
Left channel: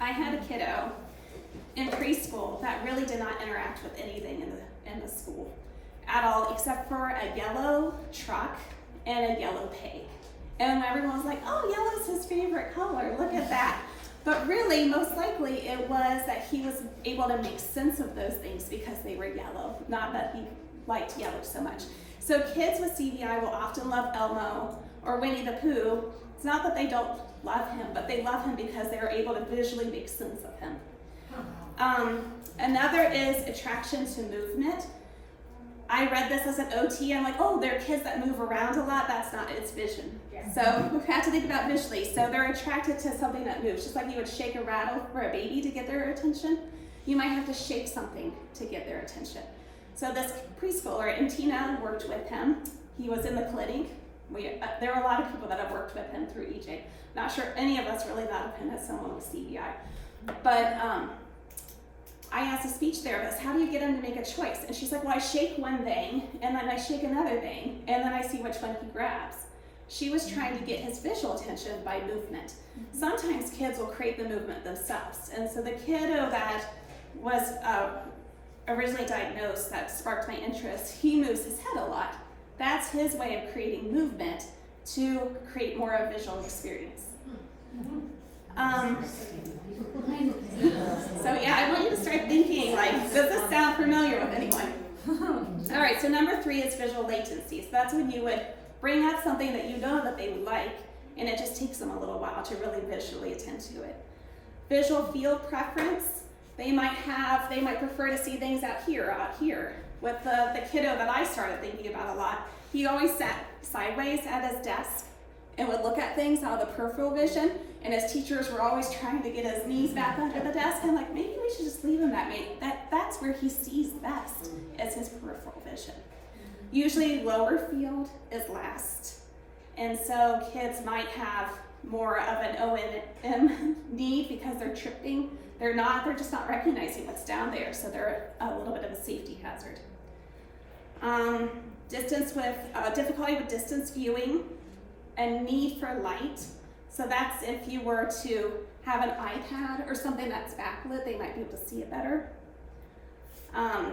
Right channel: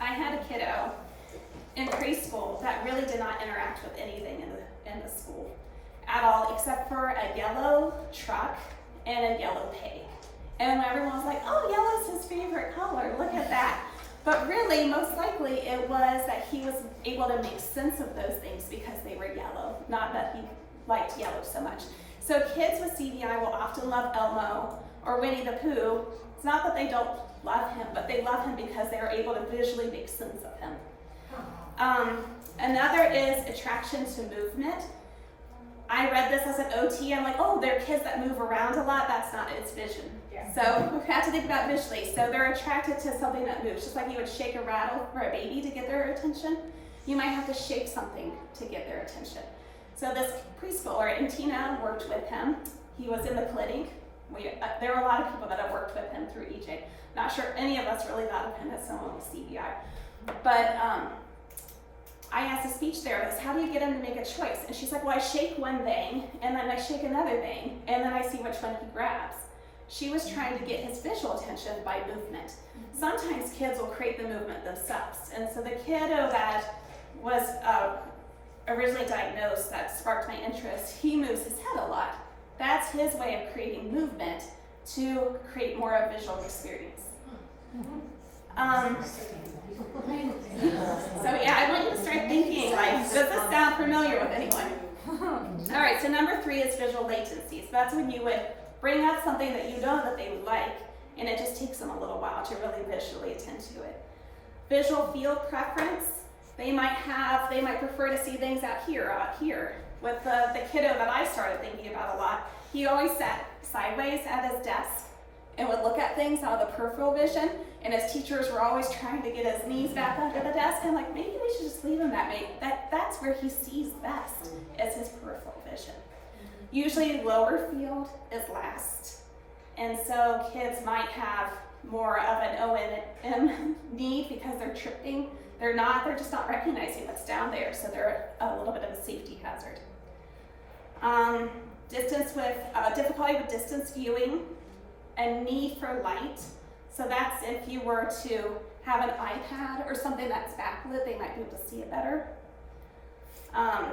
I had a kiddo in preschool that really did not interact with anything in the school at all, except for a yellow truck and a yellow pig. And everyone was like, oh, yellow's his favorite color, look at that. But really, most likely, it was that he was able to make sense of those things because they were yellow, not that he liked yellow so much. So kids with CVI will often love Elmo or Winnie the Pooh. It's not that they don't love him, but they love him because they are able to visually make sense of him. Another is attraction to movement. I read this as an OT. I'm like, oh, they're kids that move around a lot. That's not it, it's vision. Yeah. So we have to think about visually. So they're attracted to something that moves. Just like you would shake a rattle for a baby to get their attention, you might have to shake something to get their attention. So this preschooler, and Tina worked with him. He was in the clinic. There are a lot of people that have worked with him through EJ. Not sure any of us really thought of him as someone with CVI. But I asked a speech therapist, how do you get him to make a choice? And she's like, well, I shake one thing, and then I shake another thing, and then I see which one he grabs. She was trying to get his visual attention by movement. Sometimes kids will create the movement themselves. And so the kiddo that was originally diagnosed that sparked my interest, he moves his head a lot. That's his way of creating movement to create more of a visual experience. So yeah, I want you to start thinking, like, does this sound familiar with anyone? All right, so number 3 is visual latency. So that's when you would bring up something that you know that they would like, and it just takes them a little while to really visually attend to it. Visual field preference. They might prefer to see things out here. With the kiddo that I started thinking about a lot, he always sat sideways at his desk and would look at things out of the peripheral vision, and his teachers were always trying to get his knees back under the desk. I'm like, maybe we should just leave him that way. That's where he sees best, is his peripheral vision. Usually lower field is last, and so kids might have more of an O&M need because they're tripping. They're just not recognizing what's down there, so they're a little bit of a safety hazard. Difficulty with distance viewing, a need for light. So that's if you were to have an iPad or something that's backlit, they might be able to see it better.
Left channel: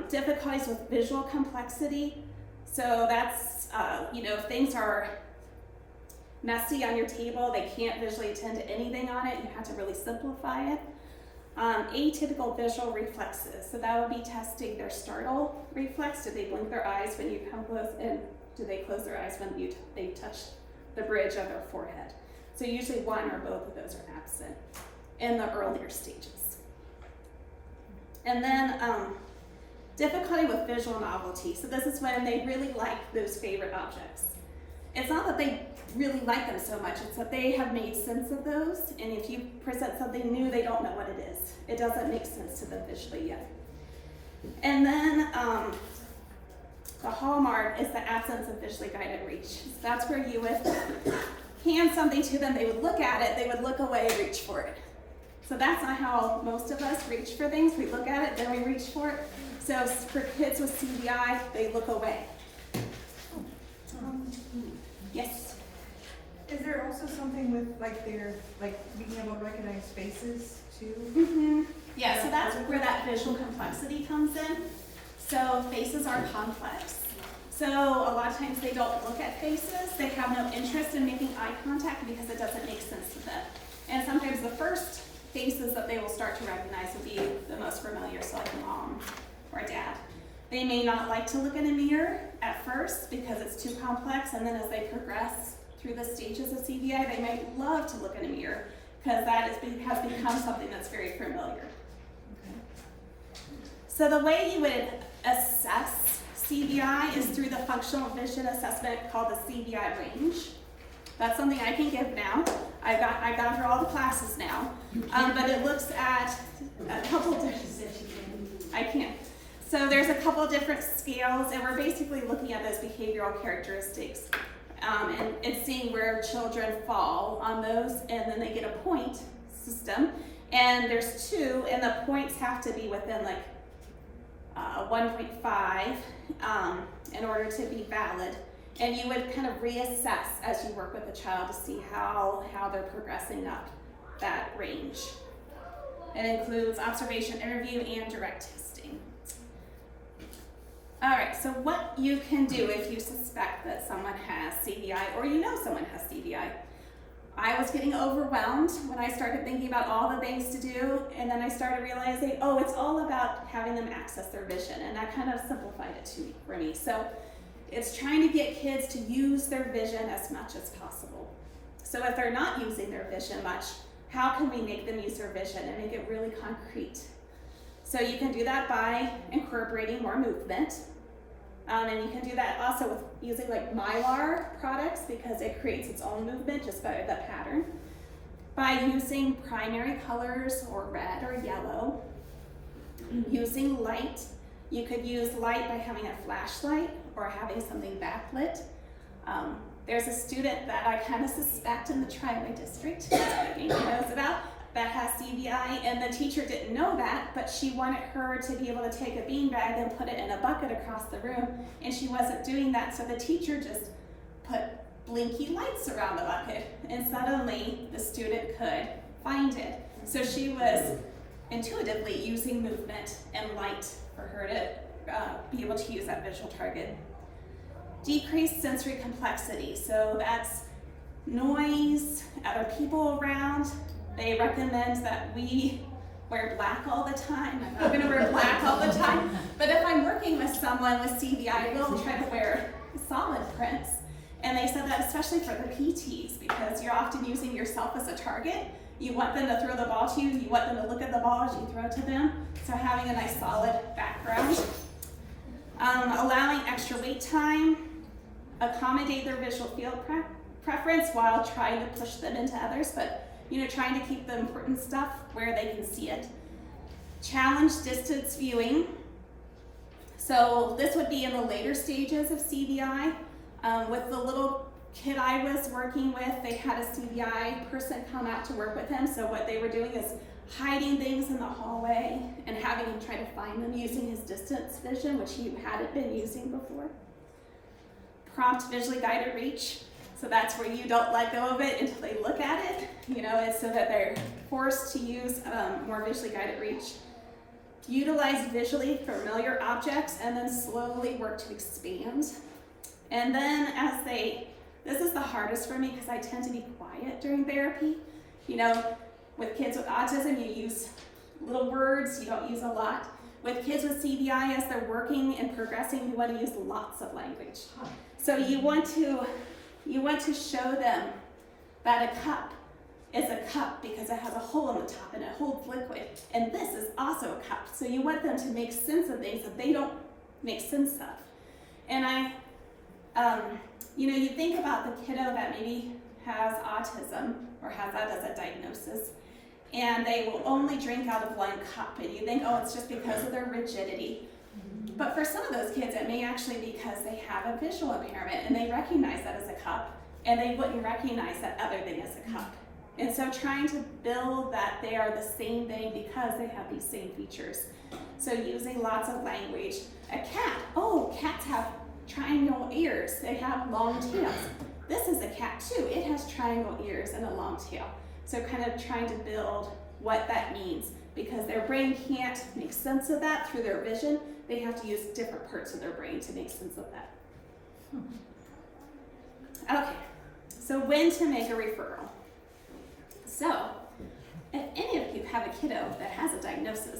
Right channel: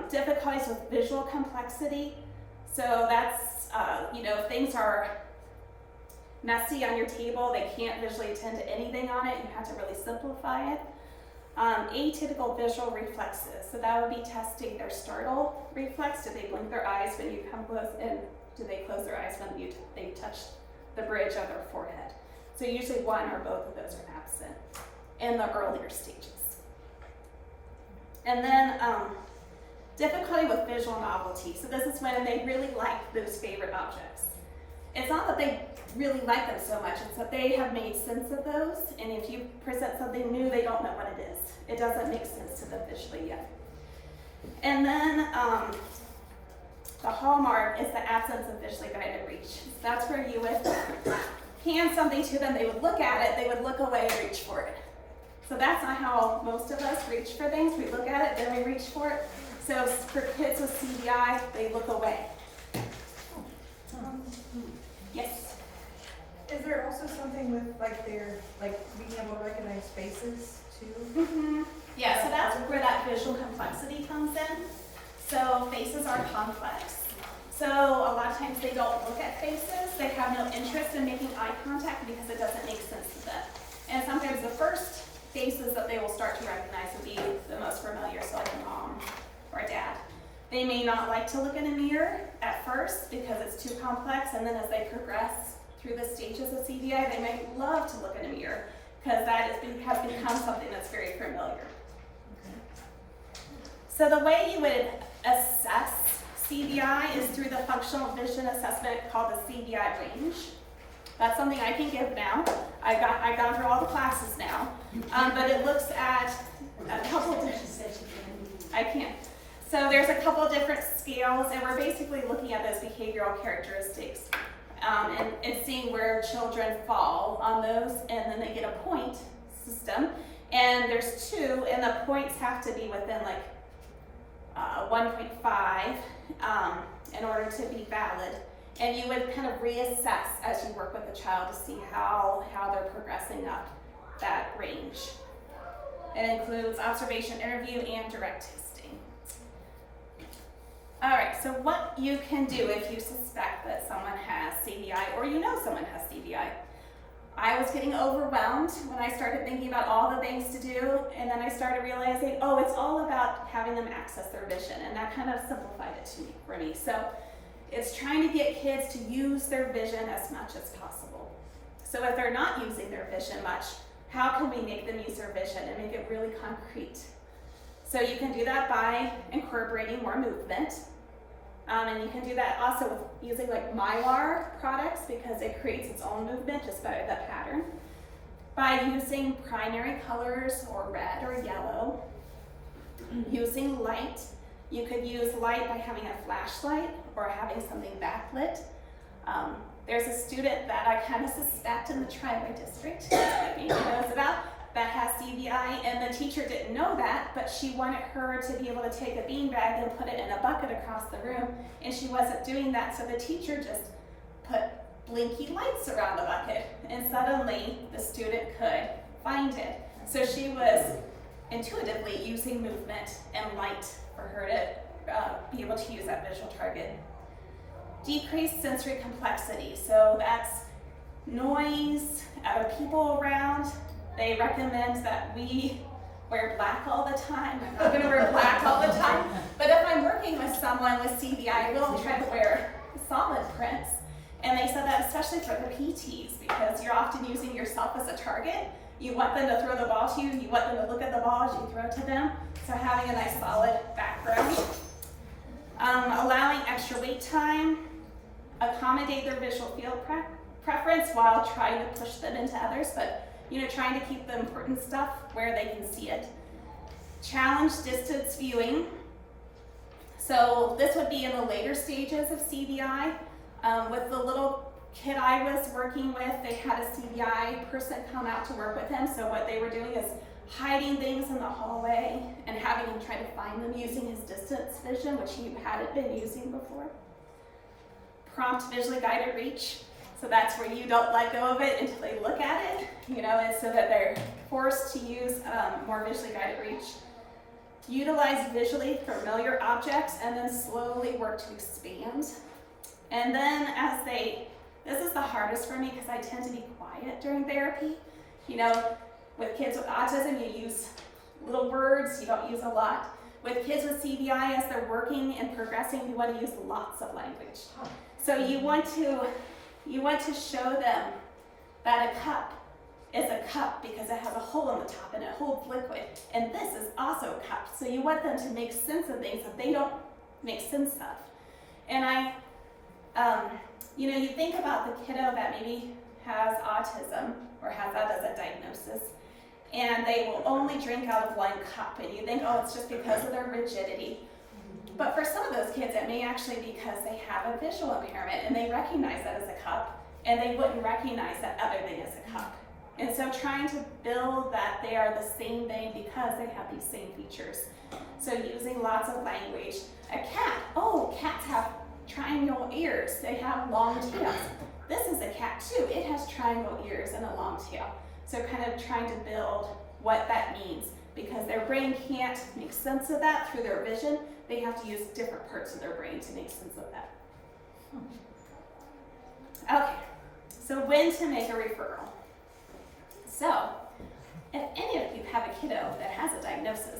Difficulties with visual complexity. So that's, if things are messy on your table, they can't visually attend to anything on it, you have to really simplify it. Atypical visual reflexes. So that would be testing their startle reflex. Do they blink their eyes when you come close, and do they close their eyes when they touch the bridge of their forehead? So usually one or both of those are absent in the earlier stages. And then difficulty with visual novelty. So this is when they really like those favorite objects. It's not that they really like them so much, it's that they have made sense of those, and if you present something new, they don't know what it is. It doesn't make sense to them visually yet. And then the hallmark is the absence of visually guided reach. So that's where you would hand something to them, they would look at it, they would look away and reach for it. So that's not how most of us reach for things. We look at it, then we reach for it. So for kids with CVI, they look away. Yes? Is there also something with their being able to recognize faces too? Mm-hmm. Yeah, so that's where that visual complexity comes in. So faces are complex. So a lot of times they don't look at faces. They have no interest in making eye contact because it doesn't make sense to them. And sometimes the first faces that they will start to recognize will be the most familiar, so like a mom or a dad. They may not like to look in a mirror at first because it's too complex, and then as they progress through the stages of CVI, they might love to look in a mirror because that has become something that's very familiar. Okay. So the way you would assess CVI is through the functional vision assessment called the CVI range. That's something I can give now. I've gone through all the classes now, but it looks at a couple of I can't. So there's a couple of different scales, and we're basically looking at those behavioral characteristics. And it's seeing where children fall on those, and then they get a point system. And there's 2, and the points have to be within like 1.5 in order to be valid. And you would kind of reassess as you work with the child to see how they're progressing up that range. It includes observation, interview, and direct testing. All right, so what you can do if you suspect that someone has CVI or you know someone has CVI. I was getting overwhelmed when I started thinking about all the things to do, and then I started realizing, oh, it's all about having them access their vision, and that kind of simplified it for me. So it's trying to get kids to use their vision as much as possible. So if they're not using their vision much, how can we make them use their vision and make it really concrete? So you can do that by incorporating more movement. And you can do that also with using like Mylar products because it creates its own movement just by the pattern. By using primary colors or red or yellow. Using light. You could use light by having a flashlight or having something backlit. There's a student that I kind of suspect in the Tri-Way district, that Amy knows about, that has CVI, and the teacher didn't know that, but she wanted her to be able to take a beanbag and put it in a bucket across the room, and she wasn't doing that, so the teacher just put blinky lights around the bucket, and suddenly the student could find it. So she was intuitively using movement and light for her to be able to use that visual target. Decreased sensory complexity, so that's noise, other people around. They recommend that we wear black all the time. I'm not gonna wear black all the time, but if I'm working with someone with CVI, I will try to wear solid prints. And they said that especially for the PTs, because you're often using yourself as a target. You want them to throw the ball to you, you want them to look at the ball as you throw it to them. So having a nice solid background. Allowing extra wait time, accommodate their visual field preference while trying to push them into others, but trying to keep the important stuff where they can see it. Challenge distance viewing. So this would be in the later stages of CVI. With the little kid I was working with, they had a CVI person come out to work with him. So what they were doing is hiding things in the hallway and having him try to find them using his distance vision, which he hadn't been using before. Prompt visually guided reach. So that's where you don't let go of it until they look at it, and so that they're forced to use more visually guided reach. Utilize visually familiar objects and then slowly work to expand. And then this is the hardest for me because I tend to be quiet during therapy. With kids with autism, you use little words, you don't use a lot. With kids with CVI, as they're working and progressing, you want to use lots of language. So you want to show them that a cup is a cup because it has a hole in the top and it holds liquid. And this is also a cup. So you want them to make sense of things that they don't make sense of. And you think about the kiddo that maybe has autism or has that as a diagnosis, and they will only drink out of one cup, and you think, oh, it's just because of their rigidity. But for some of those kids, it may actually be because they have a visual impairment and they recognize that as a cup, and they wouldn't recognize that other thing as a cup. And so trying to build that they are the same thing because they have these same features. So using lots of language. A cat, oh, cats have triangle ears. They have long tails. This is a cat too. It has triangle ears and a long tail. So kind of trying to build what that means because their brain can't make sense of that through their vision. They have to use different parts of their brain to make sense of that. Okay, so when to make a referral. So, if any of you have a kiddo that has a diagnosis,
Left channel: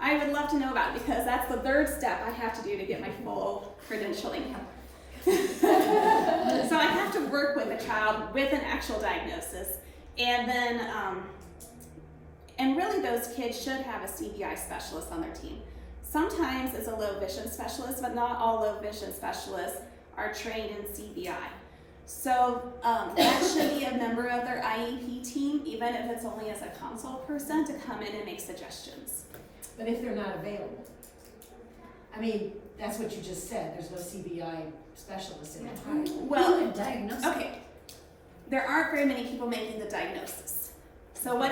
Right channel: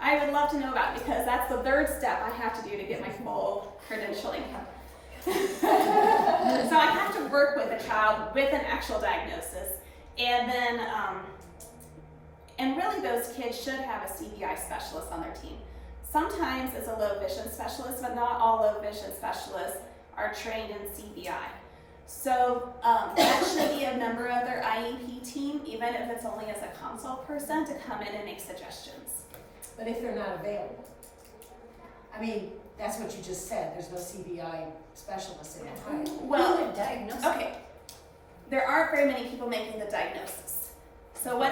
I would love to know about it because that's the third step I have to do to get my full credentialing. So I have to work with a child with an actual diagnosis, and then, and really those kids should have a CVI specialist on their team. Sometimes it's a low vision specialist, but not all low vision specialists are trained in CVI. So that should be a member of their IEP team, even if it's only as a consult person, to come in and make suggestions. But if they're not available? I mean, that's what you just said, there's no CBI specialist in Ohio. Well, Who would diagnose it? okay, there aren't very many people making the diagnosis. So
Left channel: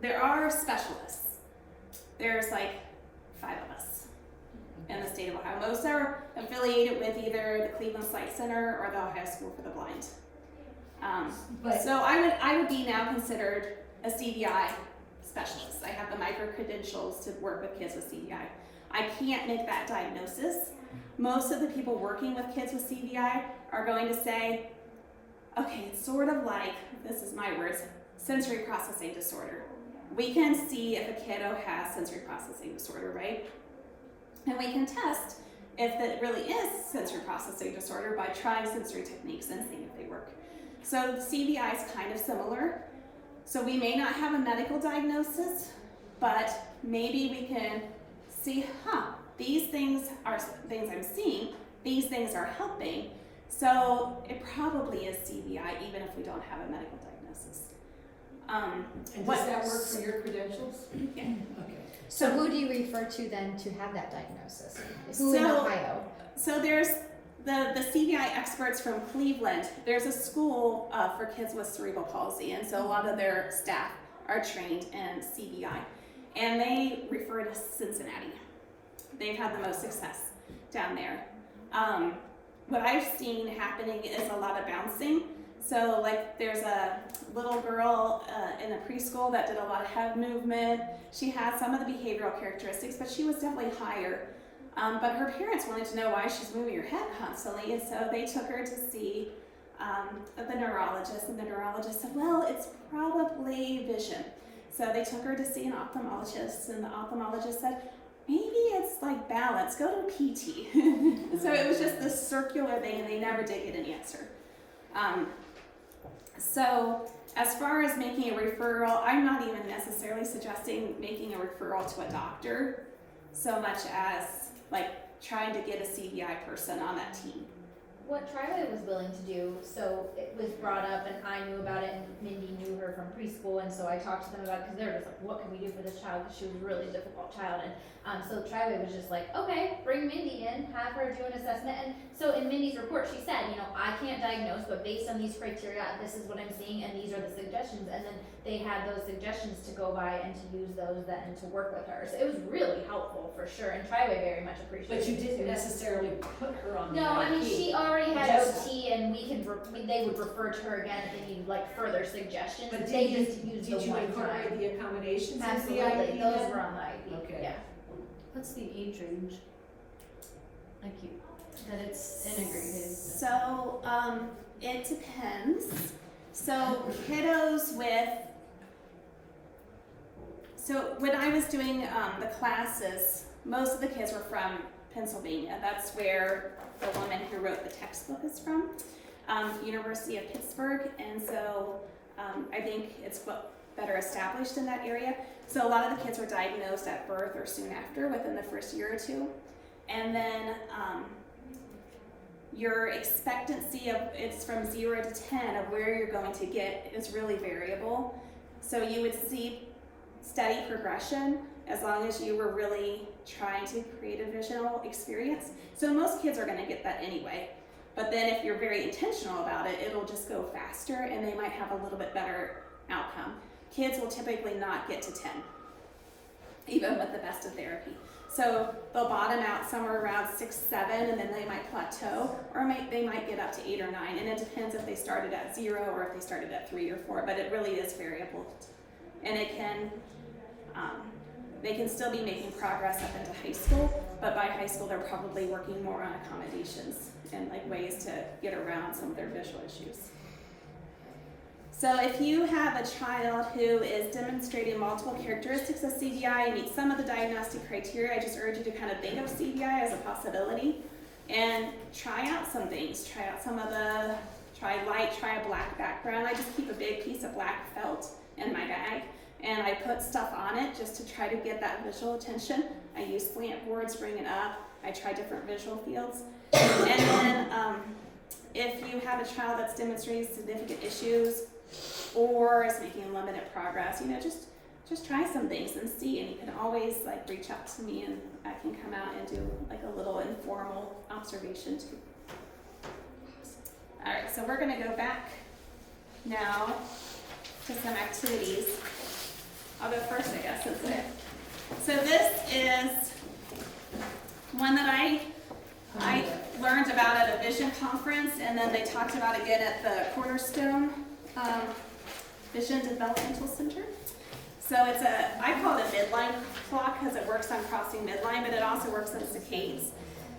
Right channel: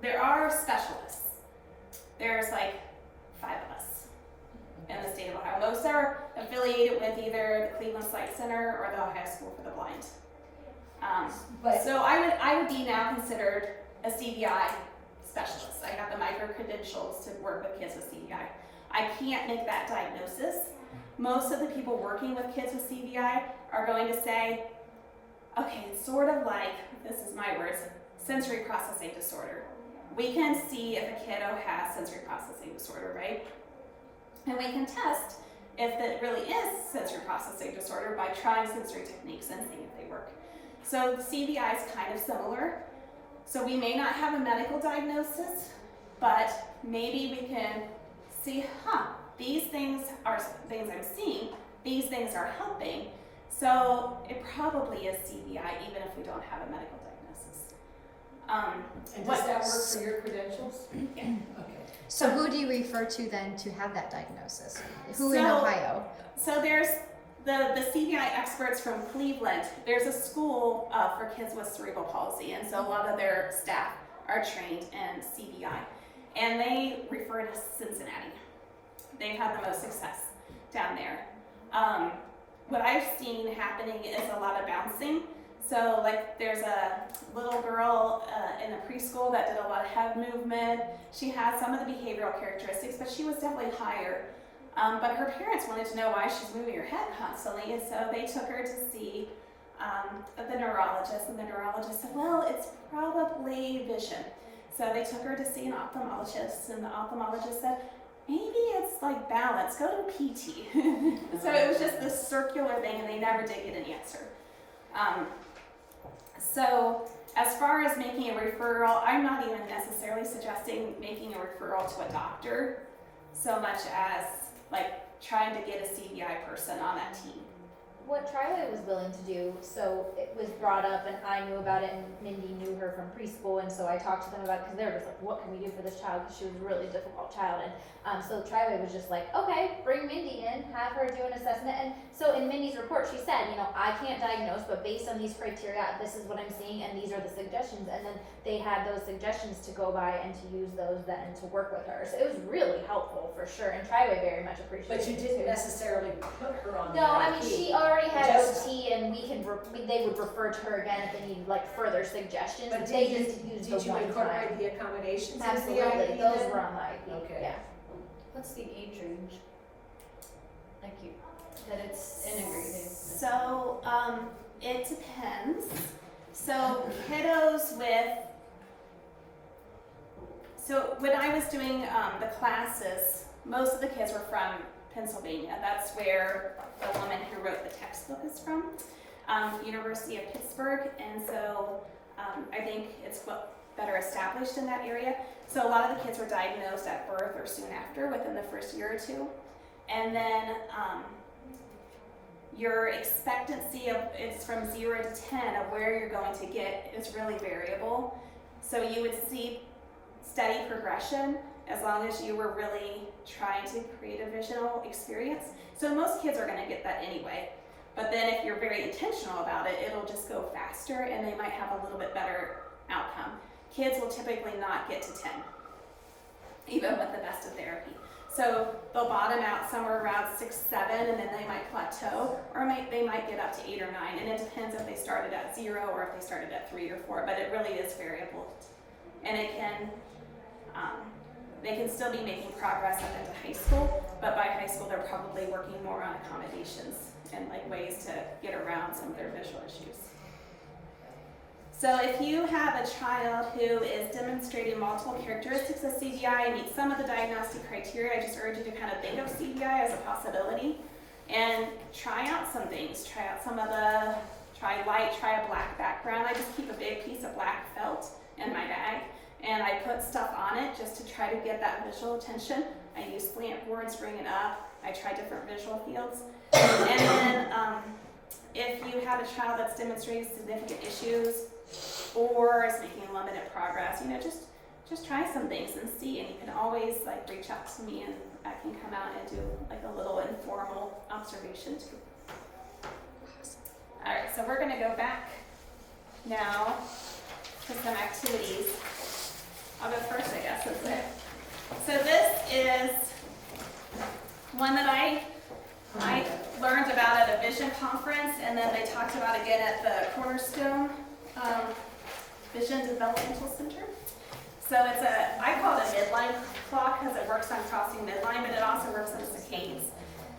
there are specialists. There's like 5 of us in the state of Ohio. Most are affiliated with either the Cleveland Sight Center or the Ohio School for the Blind. But So I would be now considered a CVI specialist. I have the micro credentials to work with kids with CVI. I can't make that diagnosis. Most of the people working with kids with CVI are going to say, okay, it's sort of like, this is my words, sensory processing disorder. We can see if a kiddo has sensory processing disorder, right? And we can test if it really is sensory processing disorder by trying sensory techniques and seeing if they work. So CVI is kind of similar. So we may not have a medical diagnosis, but maybe we can see, these things are things I'm seeing, these things are helping. So it probably is CVI even if we don't have a medical diagnosis. and does that work for your credentials? Yeah. Okay. So who do you refer to then to have that diagnosis? Who in So- Ohio? So there's the CVI experts from Cleveland. There's a school for kids with cerebral palsy, and so a lot of their staff are trained in CVI, and they refer to Cincinnati. They've had the most success down there. What I've seen happening is a lot of bouncing. So like there's a little girl in a preschool that did a lot of head movement. She has some of the behavioral characteristics, but she was definitely higher. But her parents wanted to know why she's moving her head constantly, and so they took her to see the neurologist, and the neurologist said, well, it's probably vision. So they took her to see an ophthalmologist, and the ophthalmologist said, maybe it's like balance, go to PT. So it was just this circular thing, and they never did get an answer. So as far as making a referral, I'm not even necessarily suggesting making a referral to a doctor so much as like trying to get a CVI person on that team. What Triley was willing to do, so it was brought up and I knew about it and Mindi knew her from preschool, and so I talked to them about it because they were just like, what can we do for this child, because she was a really difficult child. And so Triley was just like, okay, bring Mindi in, have her do an assessment. And so in Mindi's report she said, I can't diagnose, but based on these criteria, this is what I'm seeing and these are the suggestions. And then they had those suggestions to go by and to use those then to work with her. So it was really helpful for sure, and Triley very much appreciated it. But you didn't too. necessarily put her on the No, I mean, IEP. she already had Just- OT, and they would refer to her again if they needed like further suggestions. But They did just used Did the you one incorporate time. the accommodations into the Absolutely, IEP those then? were on the IEP. Okay. Yeah. What's the age range? Like that it's integrated. So it depends. So kiddos when I was doing the classes, most of the kids were from Pennsylvania. That's where the woman who wrote the textbook is from, University of Pittsburgh, and so I think it's better established in that area. So a lot of the kids were diagnosed at birth or soon after, within the first year or two, and then your expectancy it's from 0 to 10 of where you're going to get is really variable. So you would see steady progression as long as you were really trying to create a visual experience. So most kids are going to get that anyway. But then if you're very intentional about it, it'll just go faster and they might have a little bit better outcome. Kids will typically not get to 10, even with the best of therapy. So they'll bottom out somewhere around 6, 7, and then they might plateau, or they might get up to 8 or 9, and it depends if they started at 0 or if they started at 3 or 4, but it really is variable. And it can, they can still be making progress up into high school, but by high school they're probably working more on accommodations and like ways to get around some of their visual issues. So if you have a child who is demonstrating multiple characteristics of CVI and meets some of the diagnostic criteria, I just urge you to kind of think of CVI as a possibility and try out some things. Try a black background. I just keep a big piece of black felt in my bag and I put stuff on it just to try to get that visual attention. I use slant boards, bring it up. I try different visual fields. And then if you have a child that's demonstrating significant issues or is making limited progress, just just try some things and see, and you can always like reach out to me and I can come out and do like a little informal observation too. Alright, so we're gonna go back now to some activities. I'll go first, I guess, isn't it? So this is one that I learned about at a vision conference, and then they talked about again at the Cornerstone Vision Developmental Center. So it's I call it a midline clock because it works on crossing midline, but it also works on saccades.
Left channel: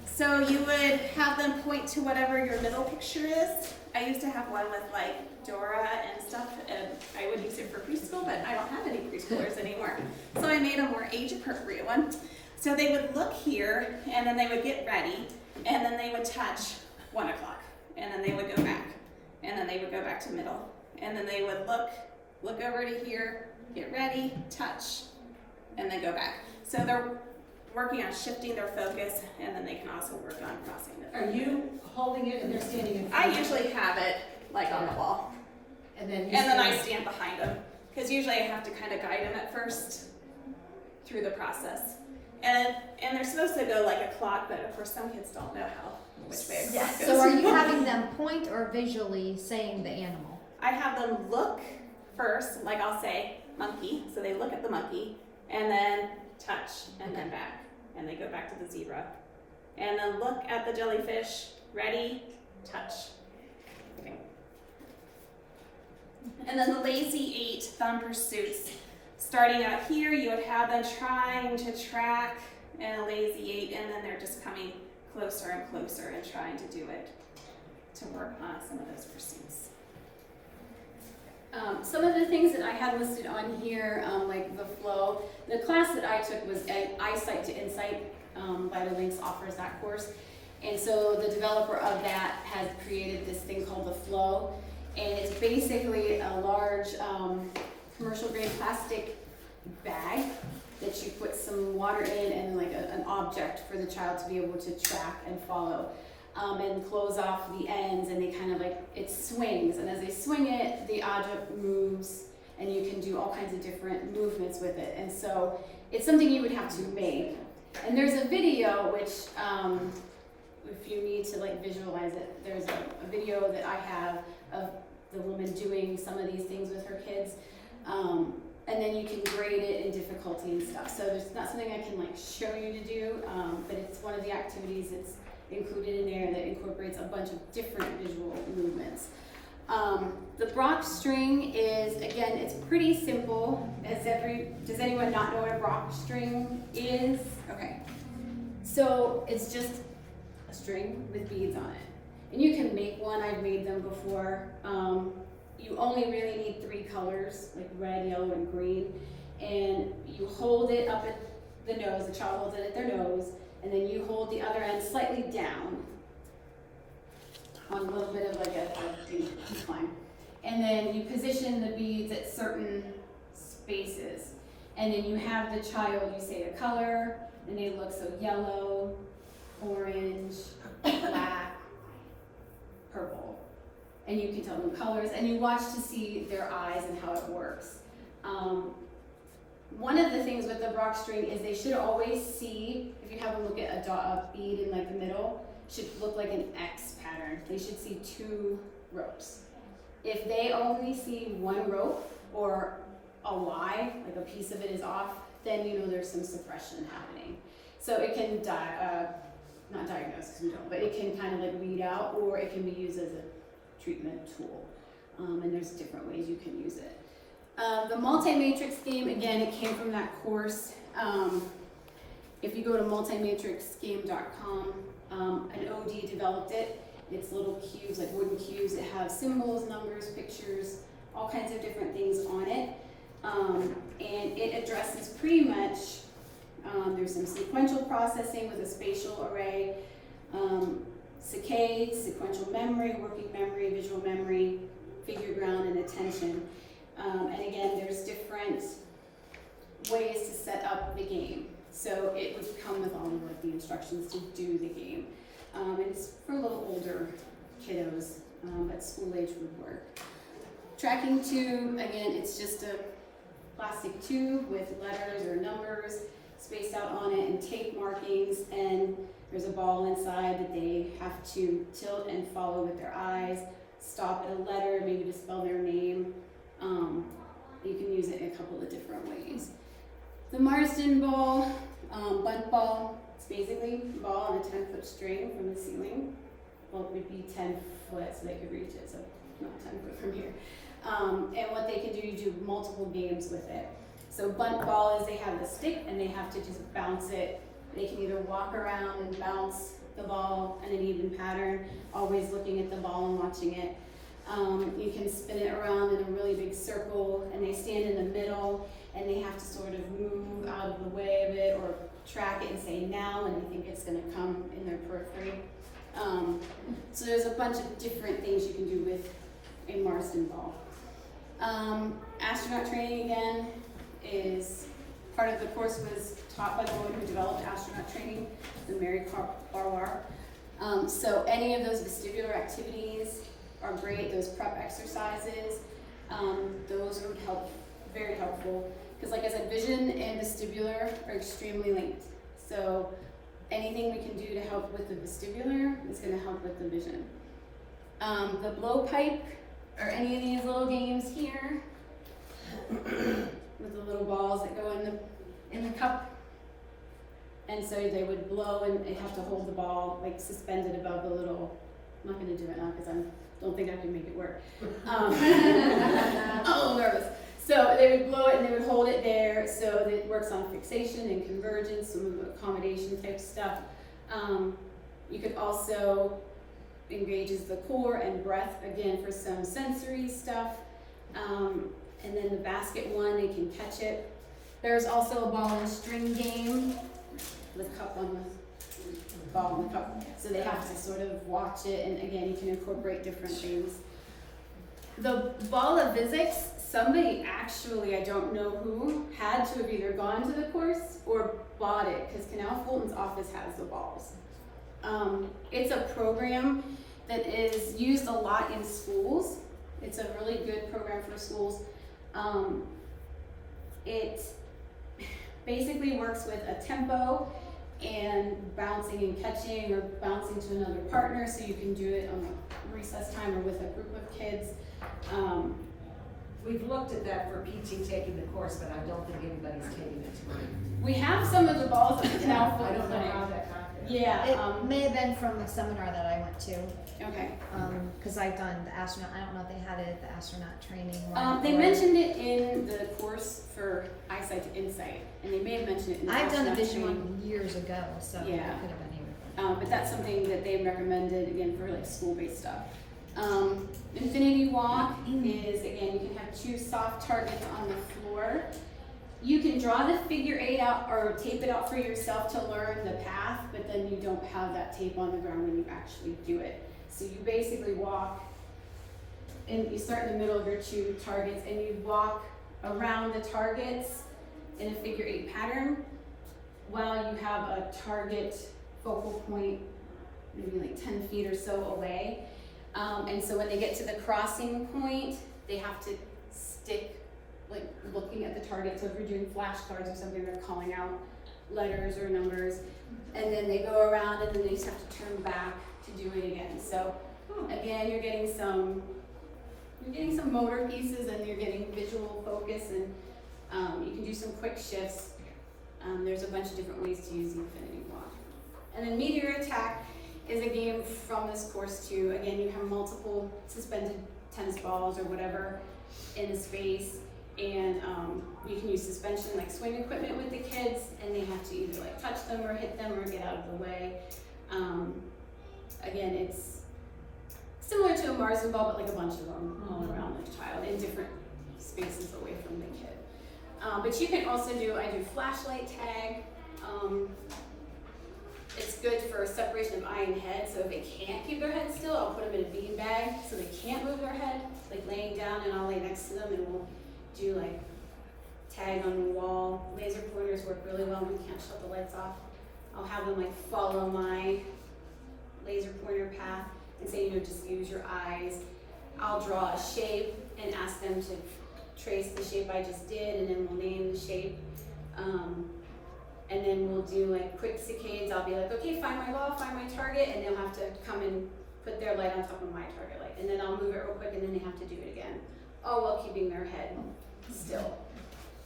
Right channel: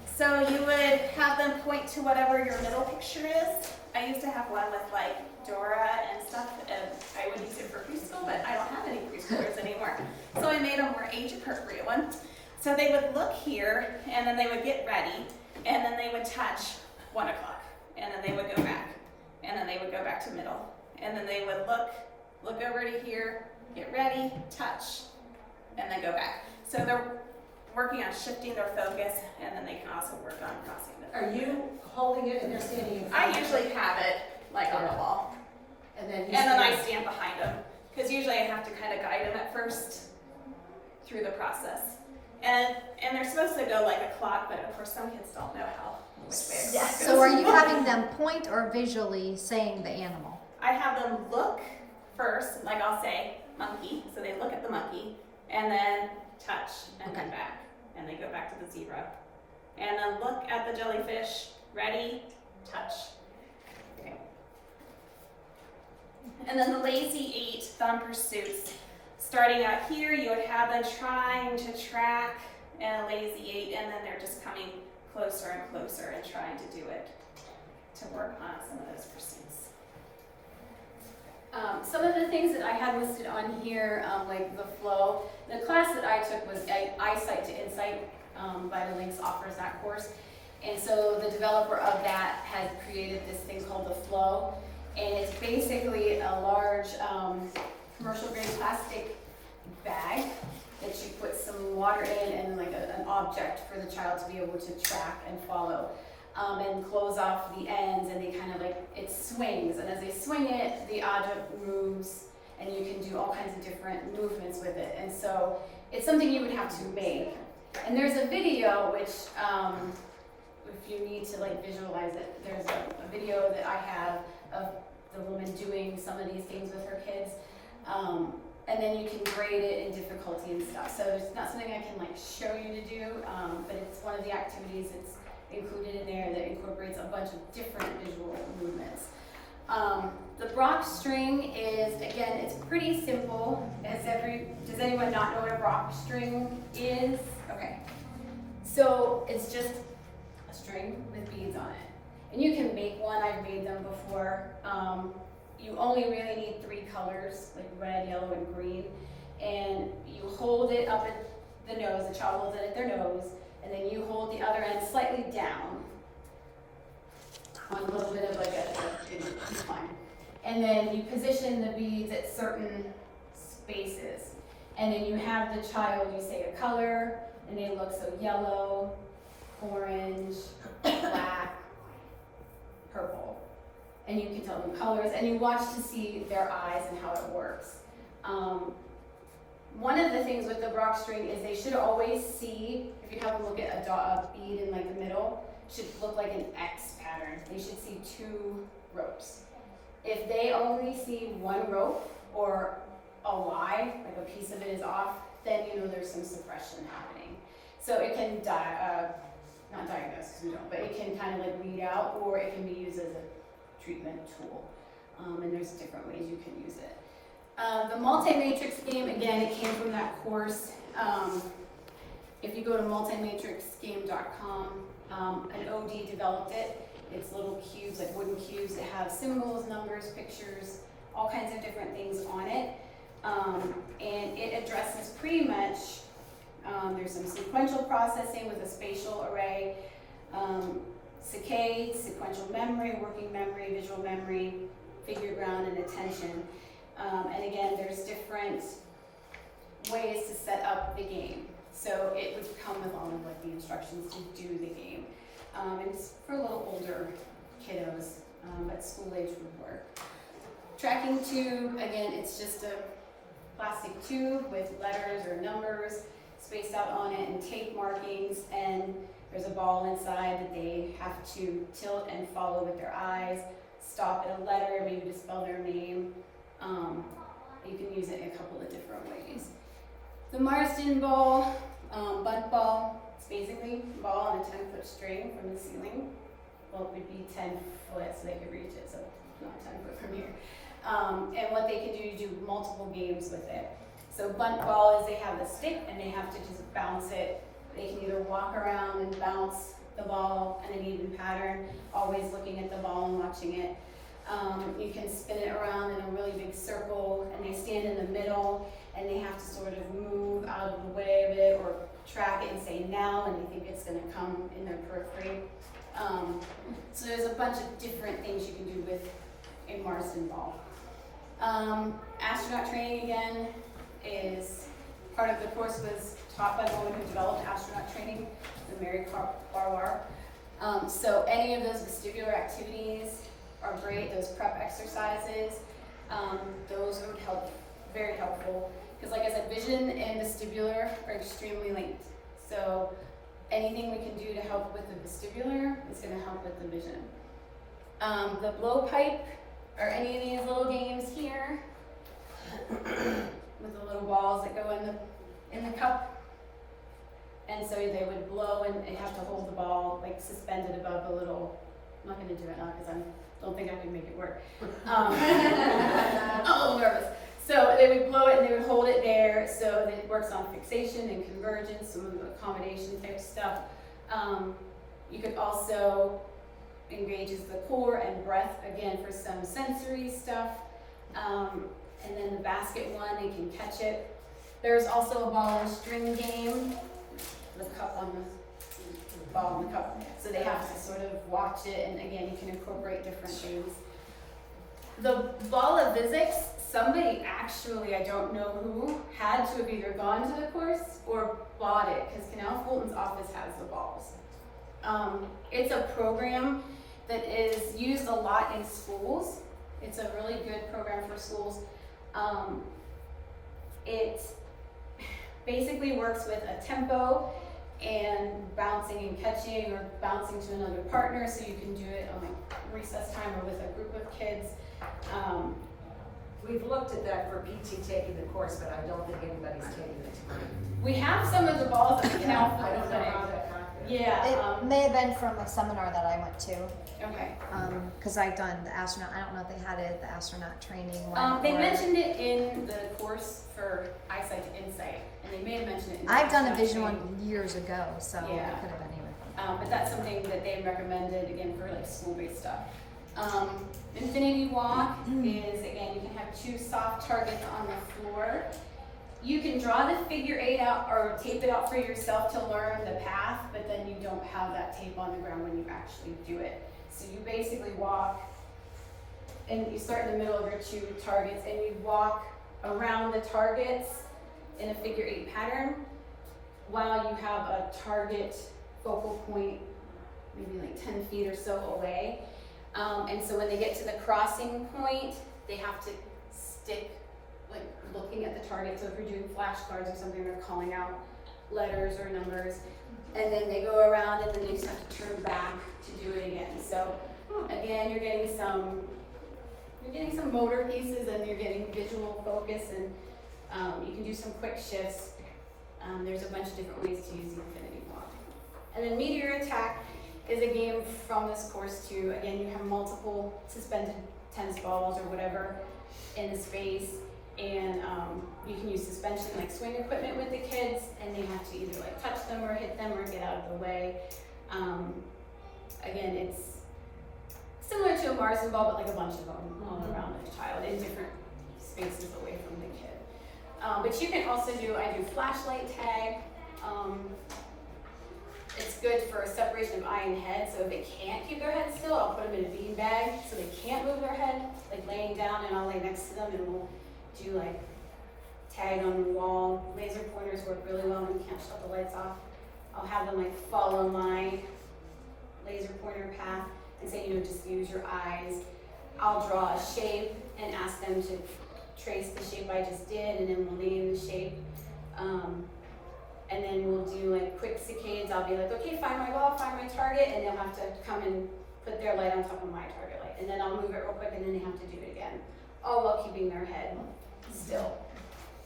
So you would have them point to whatever your middle picture is. I used to have one with like Dora and stuff, and I would use it for preschool, but I don't have any preschoolers anymore. So I made a more age-appropriate one. So they would look here, and then they would get ready, and then they would touch 1 o'clock, and then they would go back, and then they would go back to middle, and then they would look over to here, get ready, touch, and then go back. So they're working on shifting their focus, and then they can also work on crossing the. Are you holding it and they're standing in front I of you? usually have it like on the wall, And then you and then I stand- stand behind them, because usually I have to kind of guide them at first through the process. And they're supposed to go like a clock, but of course some kids don't know which way a clock goes. So are you having them point or visually saying the animal? I have them look first, like I'll say monkey, so they look at the monkey, and then touch, and then back, and they go back to the zebra. And then look at the jellyfish, ready, touch. Okay. And then the lazy 8 thumb pursuits. Starting out here, you would have them trying to track a lazy 8, and then they're just coming closer and closer and trying to do it to work on some of those pursuits. Some of the things that I had listed on here, like the flow, the class that I took was Eyesight to Insight. Vitalinks offers that course. And so the developer of that has created this thing called the flow. And it's basically a large commercial grade plastic bag that you put some water in and like an object for the child to be able to track and follow. And close off the ends, and they kind of like, it swings, and as they swing it, the object moves, and you can do all kinds of different movements with it. And so it's something you would have to make. And there's a video which, if you need to like visualize it, there's a video that I have of the woman doing some of these things with her kids. And then you can grade it in difficulty and stuff. So there's not something I can like show you to do, but it's one of the activities that's included in there that incorporates a bunch of different visual movements. The Brock string is, again, it's pretty simple. Does anyone not know what a Brock string is? Okay. So it's just a string with beads on it. And you can make one, I've made them before. You only really need 3 colors, like red, yellow, and green. And you hold it up at the nose, the child holds it at their nose, and then you hold the other end slightly down on a little bit of like a incline. And then you position the beads at certain spaces. And then you have the child, you say the color, and they look so yellow, orange, black, purple. And you can tell them colors, and you watch to see their eyes and how it works. One of the things with the Brock string is they should always see, if you have them look at a bead in like the middle, should look like an X pattern. They should see 2 ropes. If they only see 1 rope or a Y, like a piece of it is off, then you know there's some suppression happening. So it can not diagnose, because we don't, but it can kind of like weed out, or it can be used as a treatment tool. And there's different ways you can use it. The multi-matrix game, again, it came from that course. If you go to multimatrixgame.com, an OD developed it. It's little cubes, like wooden cubes that have symbols, numbers, pictures, all kinds of different things on it. And it addresses pretty much, there's some sequential processing with a spatial array, saccade, sequential memory, working memory, visual memory, figure ground, and attention. And again, there's different ways to set up the game. So it would come with all of like the instructions to do the game. It's for a little older kiddos, but school age would work. Tracking 2, again, it's just a plastic tube with letters or numbers spaced out on it and tape markings, and there's a ball inside that they have to tilt and follow with their eyes, stop at a letter, maybe to spell their name. You can use it in a couple of different ways. The Marsden ball, bunt ball, it's basically a ball on a 10-foot string from the ceiling. Well, it would be 10 foot so they could reach it, so not 10 foot from here. And what they can do, you do multiple games with it. So bunt ball is they have a stick and they have to just bounce it. They can either walk around and bounce the ball in an even pattern, always looking at the ball and watching it. You can spin it around in a really big circle, and they stand in the middle and they have to sort of move out of the way of it or track it and say now, and they think it's going to come in their periphery. So there's a bunch of different things you can do with a Marsden ball. Astronaut training again is part of the course was taught by the woman who developed astronaut training, the Mary Barwar. So any of those vestibular activities are great, those prep exercises, those would help, very helpful. Because like I said, vision and vestibular are extremely linked. So anything we can do to help with the vestibular is going to help with the vision. The blowpipe, or any of these little games here, with the little balls that go in the cup. And so they would blow and they'd have to hold the ball like suspended above the little, I'm not going to do it now because I don't think I can make it work. I'm a little nervous. So they would blow it and they would hold it there, so that it works on fixation and convergence, some of the accommodation type stuff. You could also engages the core and breath again for some sensory stuff. And then the basket one, they can catch it. There's also a ball and string game with cup on the ball in the cup. So they have to sort of watch it, and again, you can incorporate different things. The ball of physics, somebody actually, I don't know who, had to have either gone to the course or bought it, because Canal Fulton's office has the balls. It's a program that is used a lot in schools. It's a really good program for schools. It basically works with a tempo and bouncing and catching or bouncing to another partner, so you can do it on like recess time or with a group of kids. We've looked at that for PT taking the course, but I don't think anybody's taking it tonight. We have some of the balls at Canal I don't know Fulton. how that happened. Yeah. It may have been from a seminar that I went to, Okay. cause I've done the astronaut, I don't know if they had it at the astronaut training one. They or- mentioned it in the course for eyesight to insight, and they may have mentioned it in the I've done a astronaut vision training. one years ago, so it could Yeah. have been even. But that's something that they recommended again for like school-based stuff. Infinity Walk is, again, you can have two soft targets on the floor. You can draw the figure 8 out or tape it out for yourself to learn the path, but then you don't have that tape on the ground when you actually do it. So you basically walk, and you start in the middle of your two targets, and you walk around the targets in a figure 8 pattern while you have a target focal point maybe like 10 feet or so away. And so when they get to the crossing point, they have to stick, like looking at the target. So if you're doing flashcards or something, they're calling out letters or numbers. And then they go around and then they just have to turn back to do it again. So again, you're getting some motor pieces and you're getting visual focus, and you can do some quick shifts. There's a bunch of different ways to use the Infinity Walk. And then Meteor Attack is a game from this course too. Again, you have multiple suspended tennis balls or whatever in the space, and you can use suspension like swing equipment with the kids, and they have to either like touch them or hit them or get out of the way. Again, it's similar to a Marsden ball, but like a bunch of them all around the child in different spaces away from the kid. But you can also do, I do flashlight tag. It's good for separation of eye and head, so if they can't keep their head still, I'll put them in a bean bag so they can't move their head, like laying down, and I'll lay next to them and we'll do like tag on the wall. Laser pointers work really well when you can't shut the lights off. I'll have them like follow my laser pointer path and say, just use your eyes. I'll draw a shape and ask them to trace the shape I just did, and then we'll name the shape. And then we'll do like quick saccades. I'll be like, okay, find my ball, find my target, and they'll have to come and put their light on top of my target light. And then I'll move it real quick, and then they have to do it again, all while keeping their head still.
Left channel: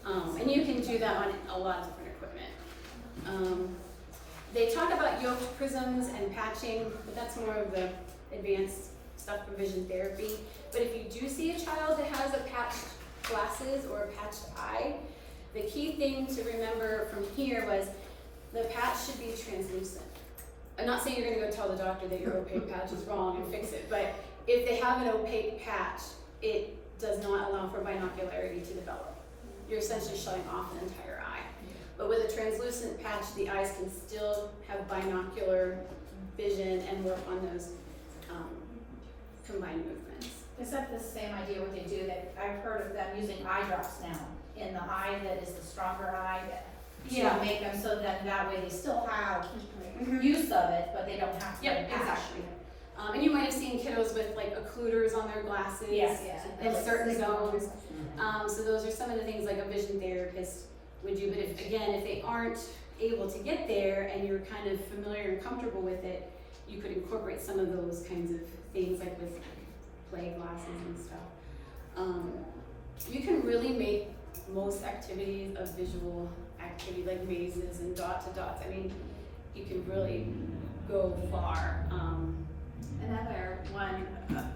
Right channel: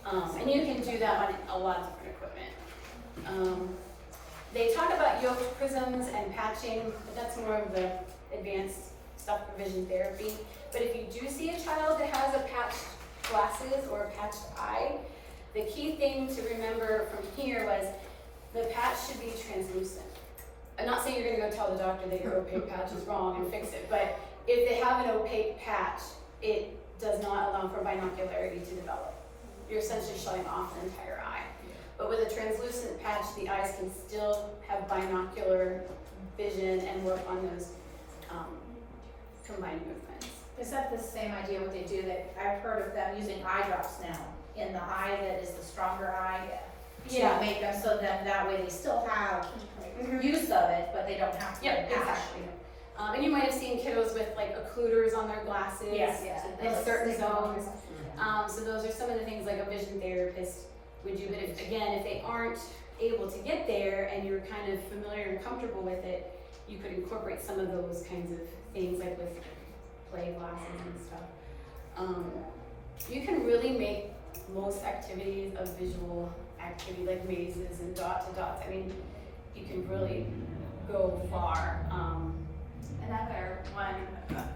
And you can do that on a lot of different equipment. They talk about yoke prisms and patching, but that's more of the advanced stuff for vision therapy. But if you do see a child that has a patched glasses or a patched eye, the key thing to remember from here was the patch should be translucent. I'm not saying you're gonna go tell the doctor that your opaque patch is wrong and fix it, but if they have an opaque patch, it does not allow for binocularity to develop. You're essentially shutting off the entire eye. But with a translucent patch, the eyes can still have binocular vision and work on those combined movements. Is that the same idea what they do, that I've heard of them using eye drops now in the eye that is the stronger eye to make them so that way they still have use of it, but they don't have to patch. Exactly. And you might have seen kiddos with like occluders on their glasses in certain zones. So those are some of the things like a vision therapist would do. But if they aren't able to get there and you're kind of familiar and comfortable with it, you could incorporate some of those kinds of things like with play glasses and stuff. You can really make most activities a visual activity, like mazes and dot to dots. I mean, you can really go far. Another one,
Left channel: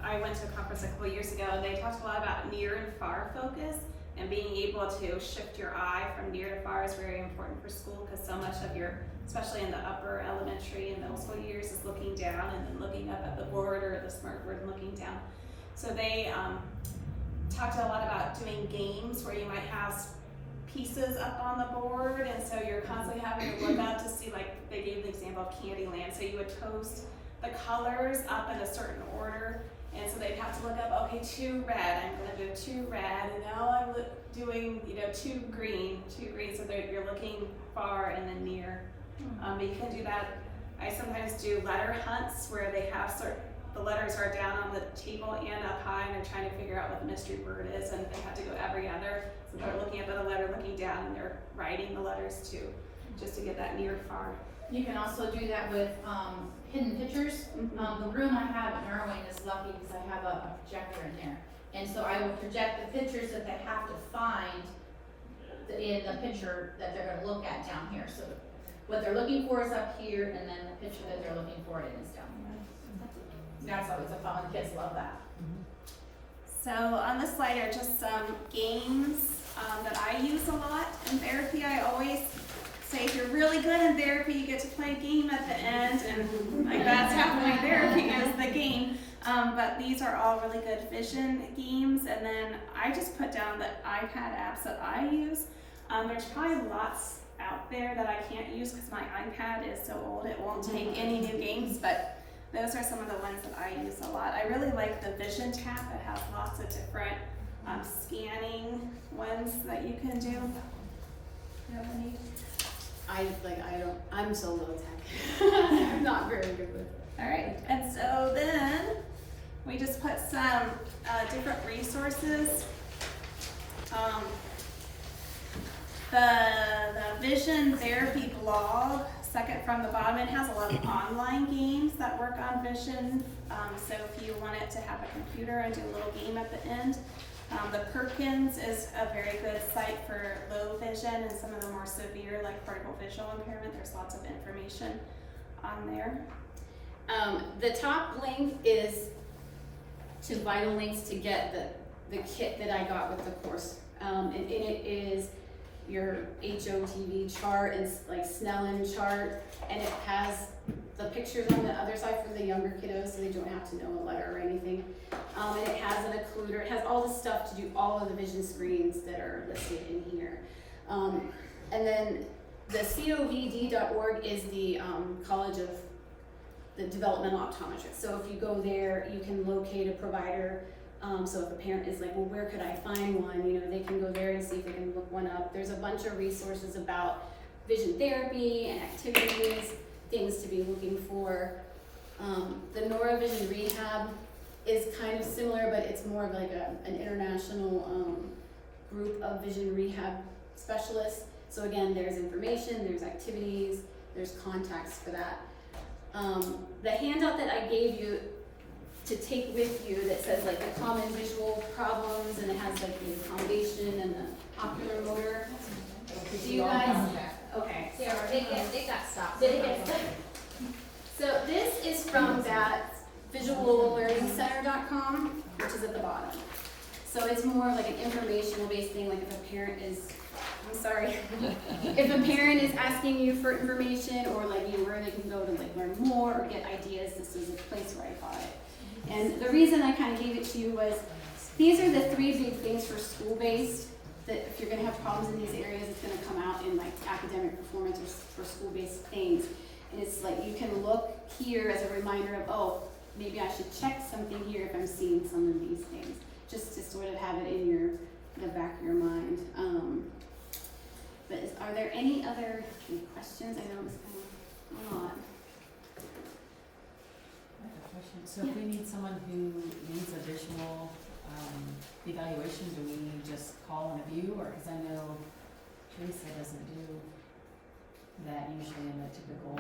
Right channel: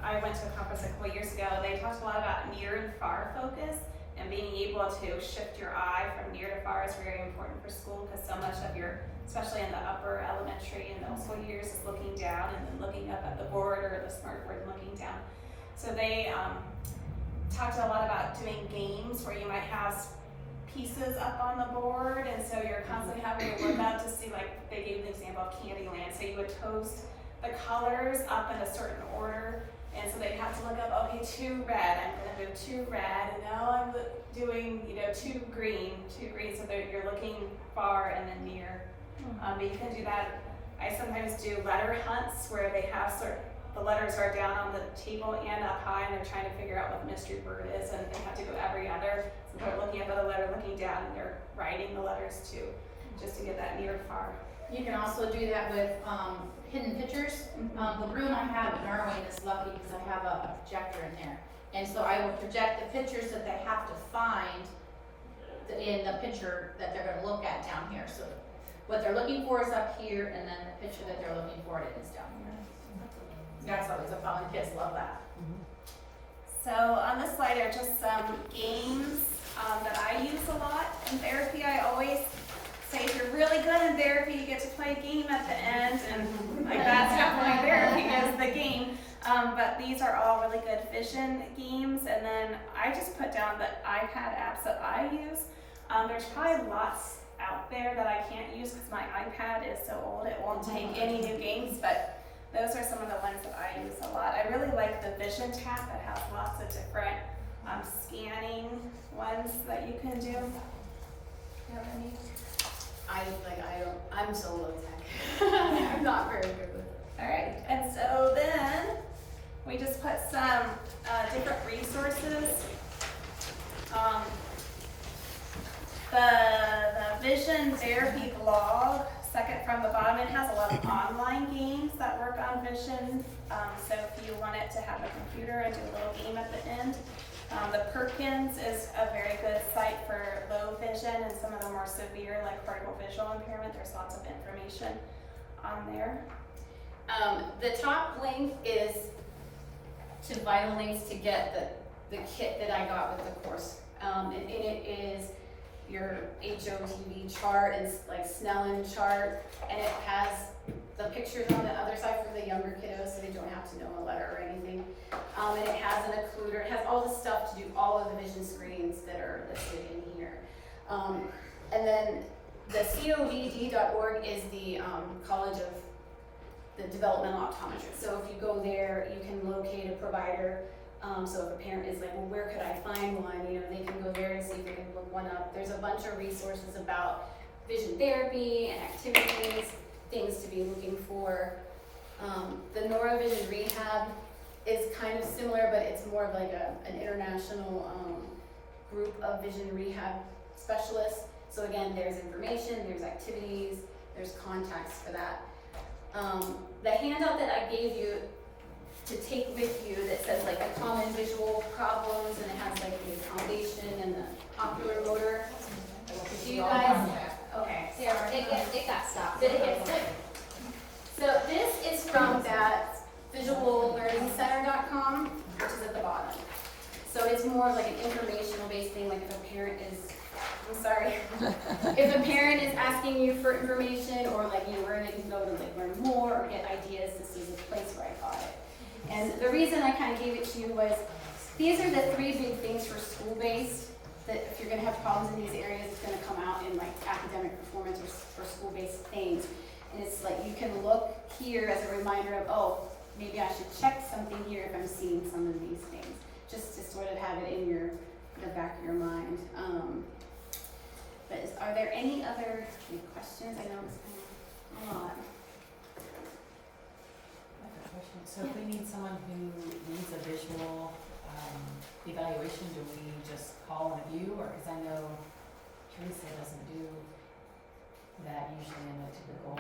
I went to a conference a couple years ago, they talked a lot about near and far focus, and being able to shift your eye from near to far is very important for school, because so much of your, especially in the upper elementary and middle school years, is looking down and then looking up at the board or the smart board and looking down. So they talked a lot about doing games where you might have pieces up on the board, and so you're constantly having to look up to see, like they gave the example of Candyland, so you would toast the colors up in a certain order, and so they'd have to look up, okay, 2 red, I'm gonna do 2 red, and now I'm doing, 2 green, so that you're looking far and then near. But you can do that. I sometimes do letter hunts where they have the letters are down on the table and up high, and they're trying to figure out what the mystery word is, and they have to go every other. So they're looking up at a letter, looking down, and they're writing the letters too, just to get that near far. You can also do that with hidden pictures. The room I have at Norway is lucky because I have a projector in there. And so I will project the pictures that they have to find in the picture that they're gonna look at down here. So what they're looking for is up here, and then the picture that they're looking for is down here. That's always a fun, kids love that. So on this slide are just some games that I use a lot in therapy. I always say if you're really good in therapy, you get to play a game at the end, and like that's definitely therapy is the game. But these are all really good vision games, and then I just put down the iPad apps that I use. There's probably lots out there that I can't use because my iPad is so old it won't take any new games, but those are some of the ones that I use a lot. I really like the Vision tab that has lots of different scanning ones that you can do. You have any? I'm so low tech. I'm not very good with it. Alright, and so then we just put some different resources. The Vision Therapy blog, second from the bottom, it has a lot of online games that work on vision. So if you wanted to have a computer and do a little game at the end. The Perkins is a very good site for low vision and some of the more severe, like partial visual impairment. There's lots of information on there. The top link is to Vital Links to get the kit that I got with the course. And it is your HOTV chart and like Snellen chart, and it has the pictures on the other side for the younger kiddos, so they don't have to know a letter or anything. And it has an occluder. It has all the stuff to do all of the vision screens that are listed in here. And then the COVD.org is the College of the Developmental Optometrists. So if you go there, you can locate a provider. So if a parent is like, well, where could I find one? They can go there and see if they can look one up. There's a bunch of resources about vision therapy and activities, things to be looking for. The neurovision rehab is kind of similar, but it's more of like an international group of vision rehab specialists. So again, there's information, there's activities, there's contacts for that. The handout that I gave you to take with you that says like the common visual problems, and it has like the accommodation and the ocular motor. Do you guys? Okay. Yeah, it got stopped. Did it get stuck? So this is from that visuallearningcenter.com, which is at the bottom. So it's more like an informational based thing, like if a parent is, I'm sorry, if a parent is asking you for information or like, you know, where they can go to like learn more or get ideas, this is a place where I got it. And the reason I kind of gave it to you was, these are the 3 big things for school-based, that if you're gonna have problems in these areas, it's gonna come out in like academic performance or school-based things. And it's like, you can look here as a reminder of, oh, maybe I should check something here if I'm seeing some of these things, just to sort of have it in the back of your mind. But are there any other questions? I know it was kind of a lot. So if we need someone who needs a visual evaluation, do we just call and view, or, because I know Teresa doesn't do that usually in the typical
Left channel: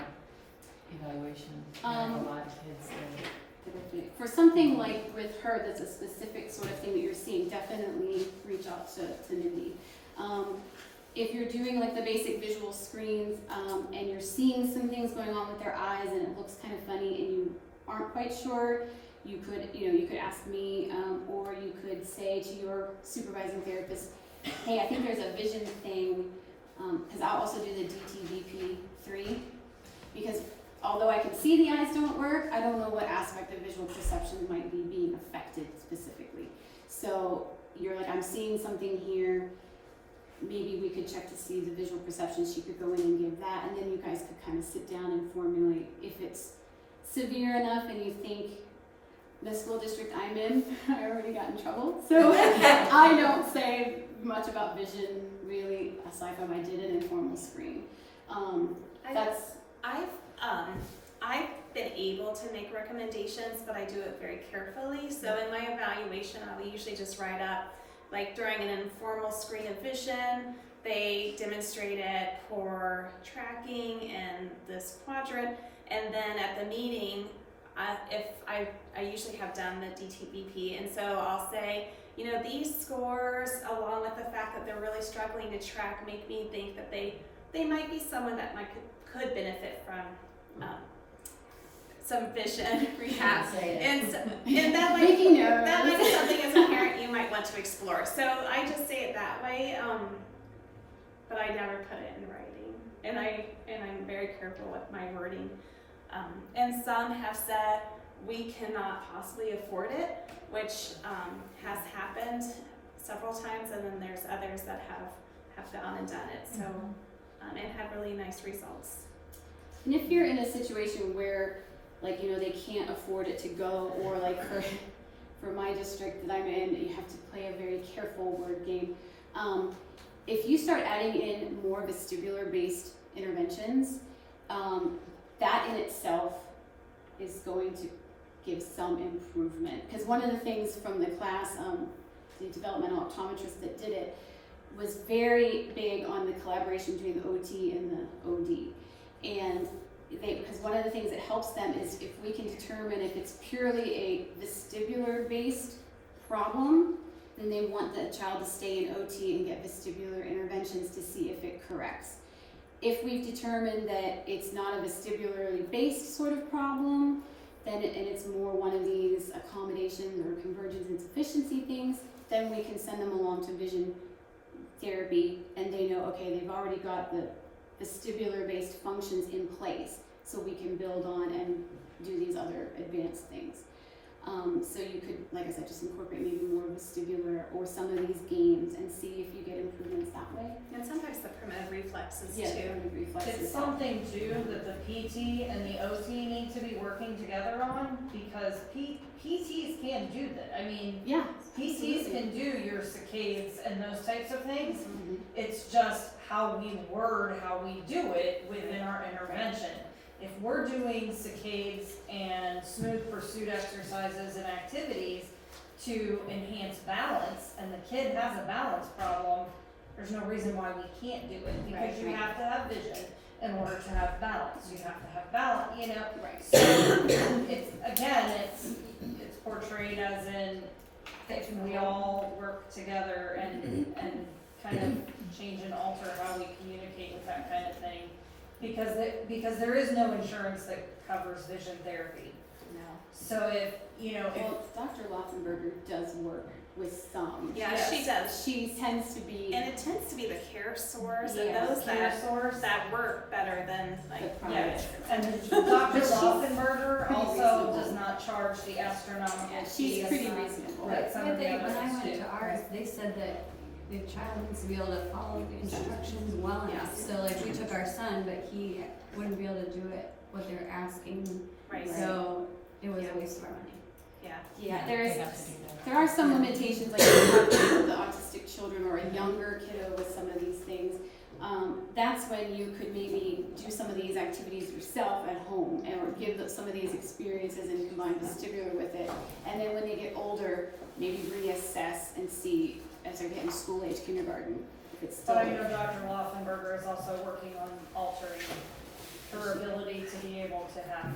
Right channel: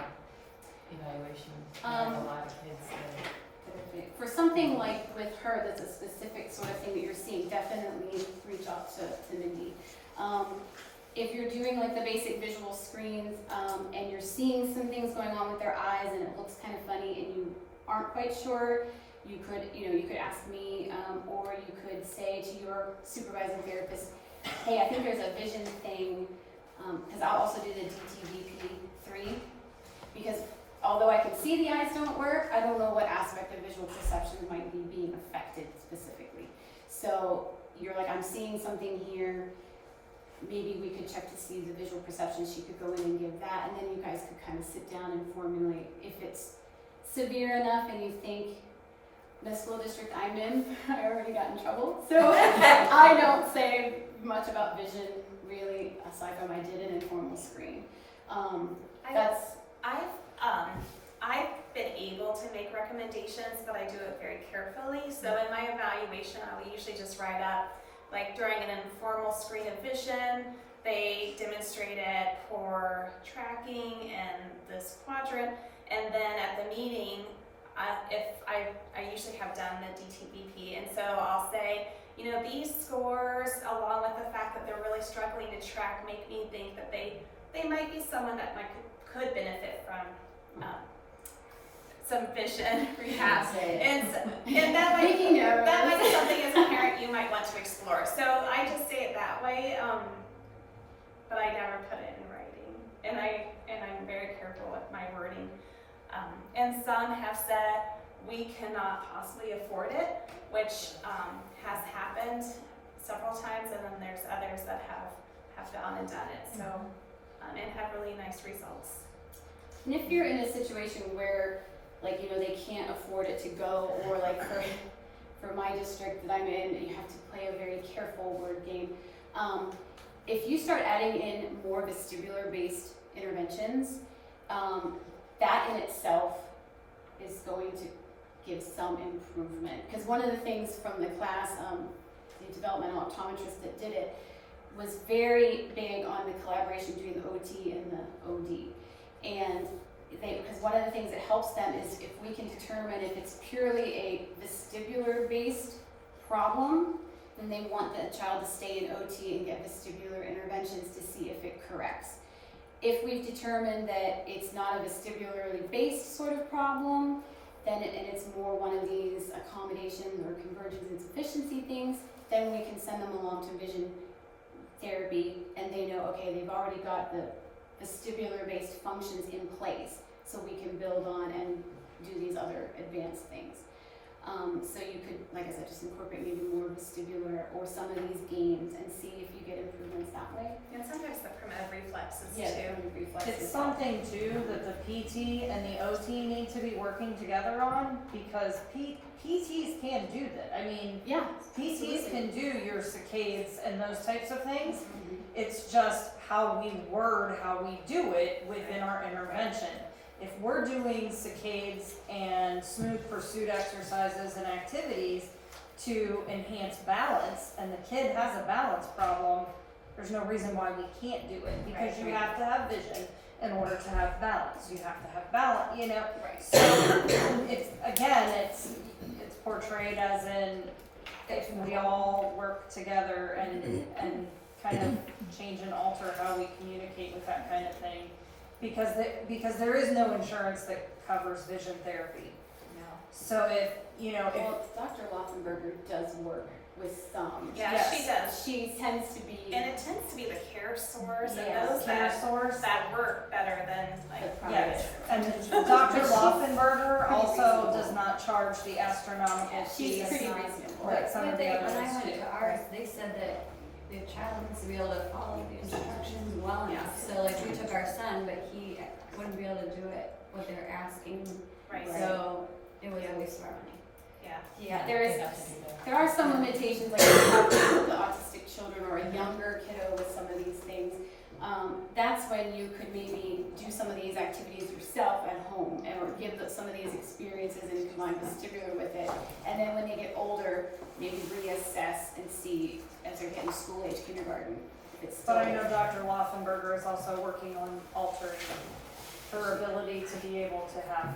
evaluation. I have a lot of kids that. For something like with her, that's a specific sort of thing that you're seeing, definitely reach out to Mindi. If you're doing like the basic visual screens, and you're seeing some things going on with their eyes and it looks kind of funny and you aren't quite sure, you could ask me, or you could say to your supervising therapist, hey, I think there's a vision thing, because I'll also do the DTVP3, because although I can see the eyes don't work, I don't know what aspect of visual perception might be being affected specifically. So you're like, I'm seeing something here, maybe we could check to see the visual perception. She could go in and give that, and then you guys could kind of sit down and formulate if it's severe enough and you think the school district I'm in, I already got in trouble. So I don't say much about vision really, aside from I did an informal screen. I've been able to make recommendations, but I do it very carefully. So in my evaluation, I'll usually just write up, like during an informal screen of vision, they demonstrated poor tracking in this quadrant, and then at the meeting, if I usually have done the DTVP, and so I'll say, you know, these scores, along with the fact that they're really struggling to track, make me think that they might be someone that could benefit from some vision rehab, and that might be something as a parent you might want to explore. So I just say it that way, but I never put it in writing, and I'm very careful with my wording. And some have said we cannot possibly afford it, which has happened several times, and then there's others that have gone and done it. So and had really nice results. And if you're in a situation where, like, you know, they can't afford it to go, or like for my district that I'm in, you have to play a very careful word game. If you start adding in more vestibular-based interventions, that in itself is going to give some improvement. Because one of the things from the class, the developmental optometrist that did it, was very big on the collaboration between the OT and the OD. And because one of the things that helps them is if we can determine if it's purely a vestibular-based problem, then they want the child to stay in OT and get vestibular interventions to see if it corrects. If we've determined that it's not a vestibularly based sort of problem, then and it's more one of these accommodation or convergence insufficiency things, then we can send them along to vision therapy, and they know, okay, they've already got the vestibular-based functions in place, so we can build on and do these other advanced things. So you could, like I said, just incorporate maybe more vestibular or some of these games and see if you get improvements that way. And sometimes the primitive reflexes Yeah, too. the reflexes. It's something too that the PT and the OT need to be working together on, because PTs can do that. I mean, Yeah. PTs can do your saccades and those types of things. Mhm. It's just how we word, how we do it within our intervention. If we're doing saccades and smooth pursuit exercises and activities to enhance balance, and the kid has a balance problem, there's no reason why we can't do it, because you have to have vision in order to have balance, you have to have balance, you know? Right. So, it's portrayed as in, if we all work together and kind of change and alter how we communicate with that kind of thing, because there is no insurance that covers vision therapy. No. So if, Well, Dr. Loffenberger does work with some. Yeah, Yes. she does. She tends to be And it tends to be the care source Yeah, and those care source. that work better than the like. private. Yes, and Dr. Loffenberger pretty also reasonable. does not charge the astronomical Yeah, fees she's pretty reasonable. that some of the When I others went do. to ours, they said that the child needs to be able to follow the instructions well enough. So like we took our son, but he wouldn't be able to do it, what they're asking. Right. So it was a waste of our money. Yeah. Yeah, They there's, have to do that. there are some limitations, like if you have the autistic children or a younger kiddo with some of these things. That's when you could maybe do some of these activities yourself at home and or give some of these experiences and combine the stimular with it. And then when they get older, maybe reassess and see as they're getting school age kindergarten, if it's still. But I know Dr. Loffenberger is also working on altering her ability to be able to have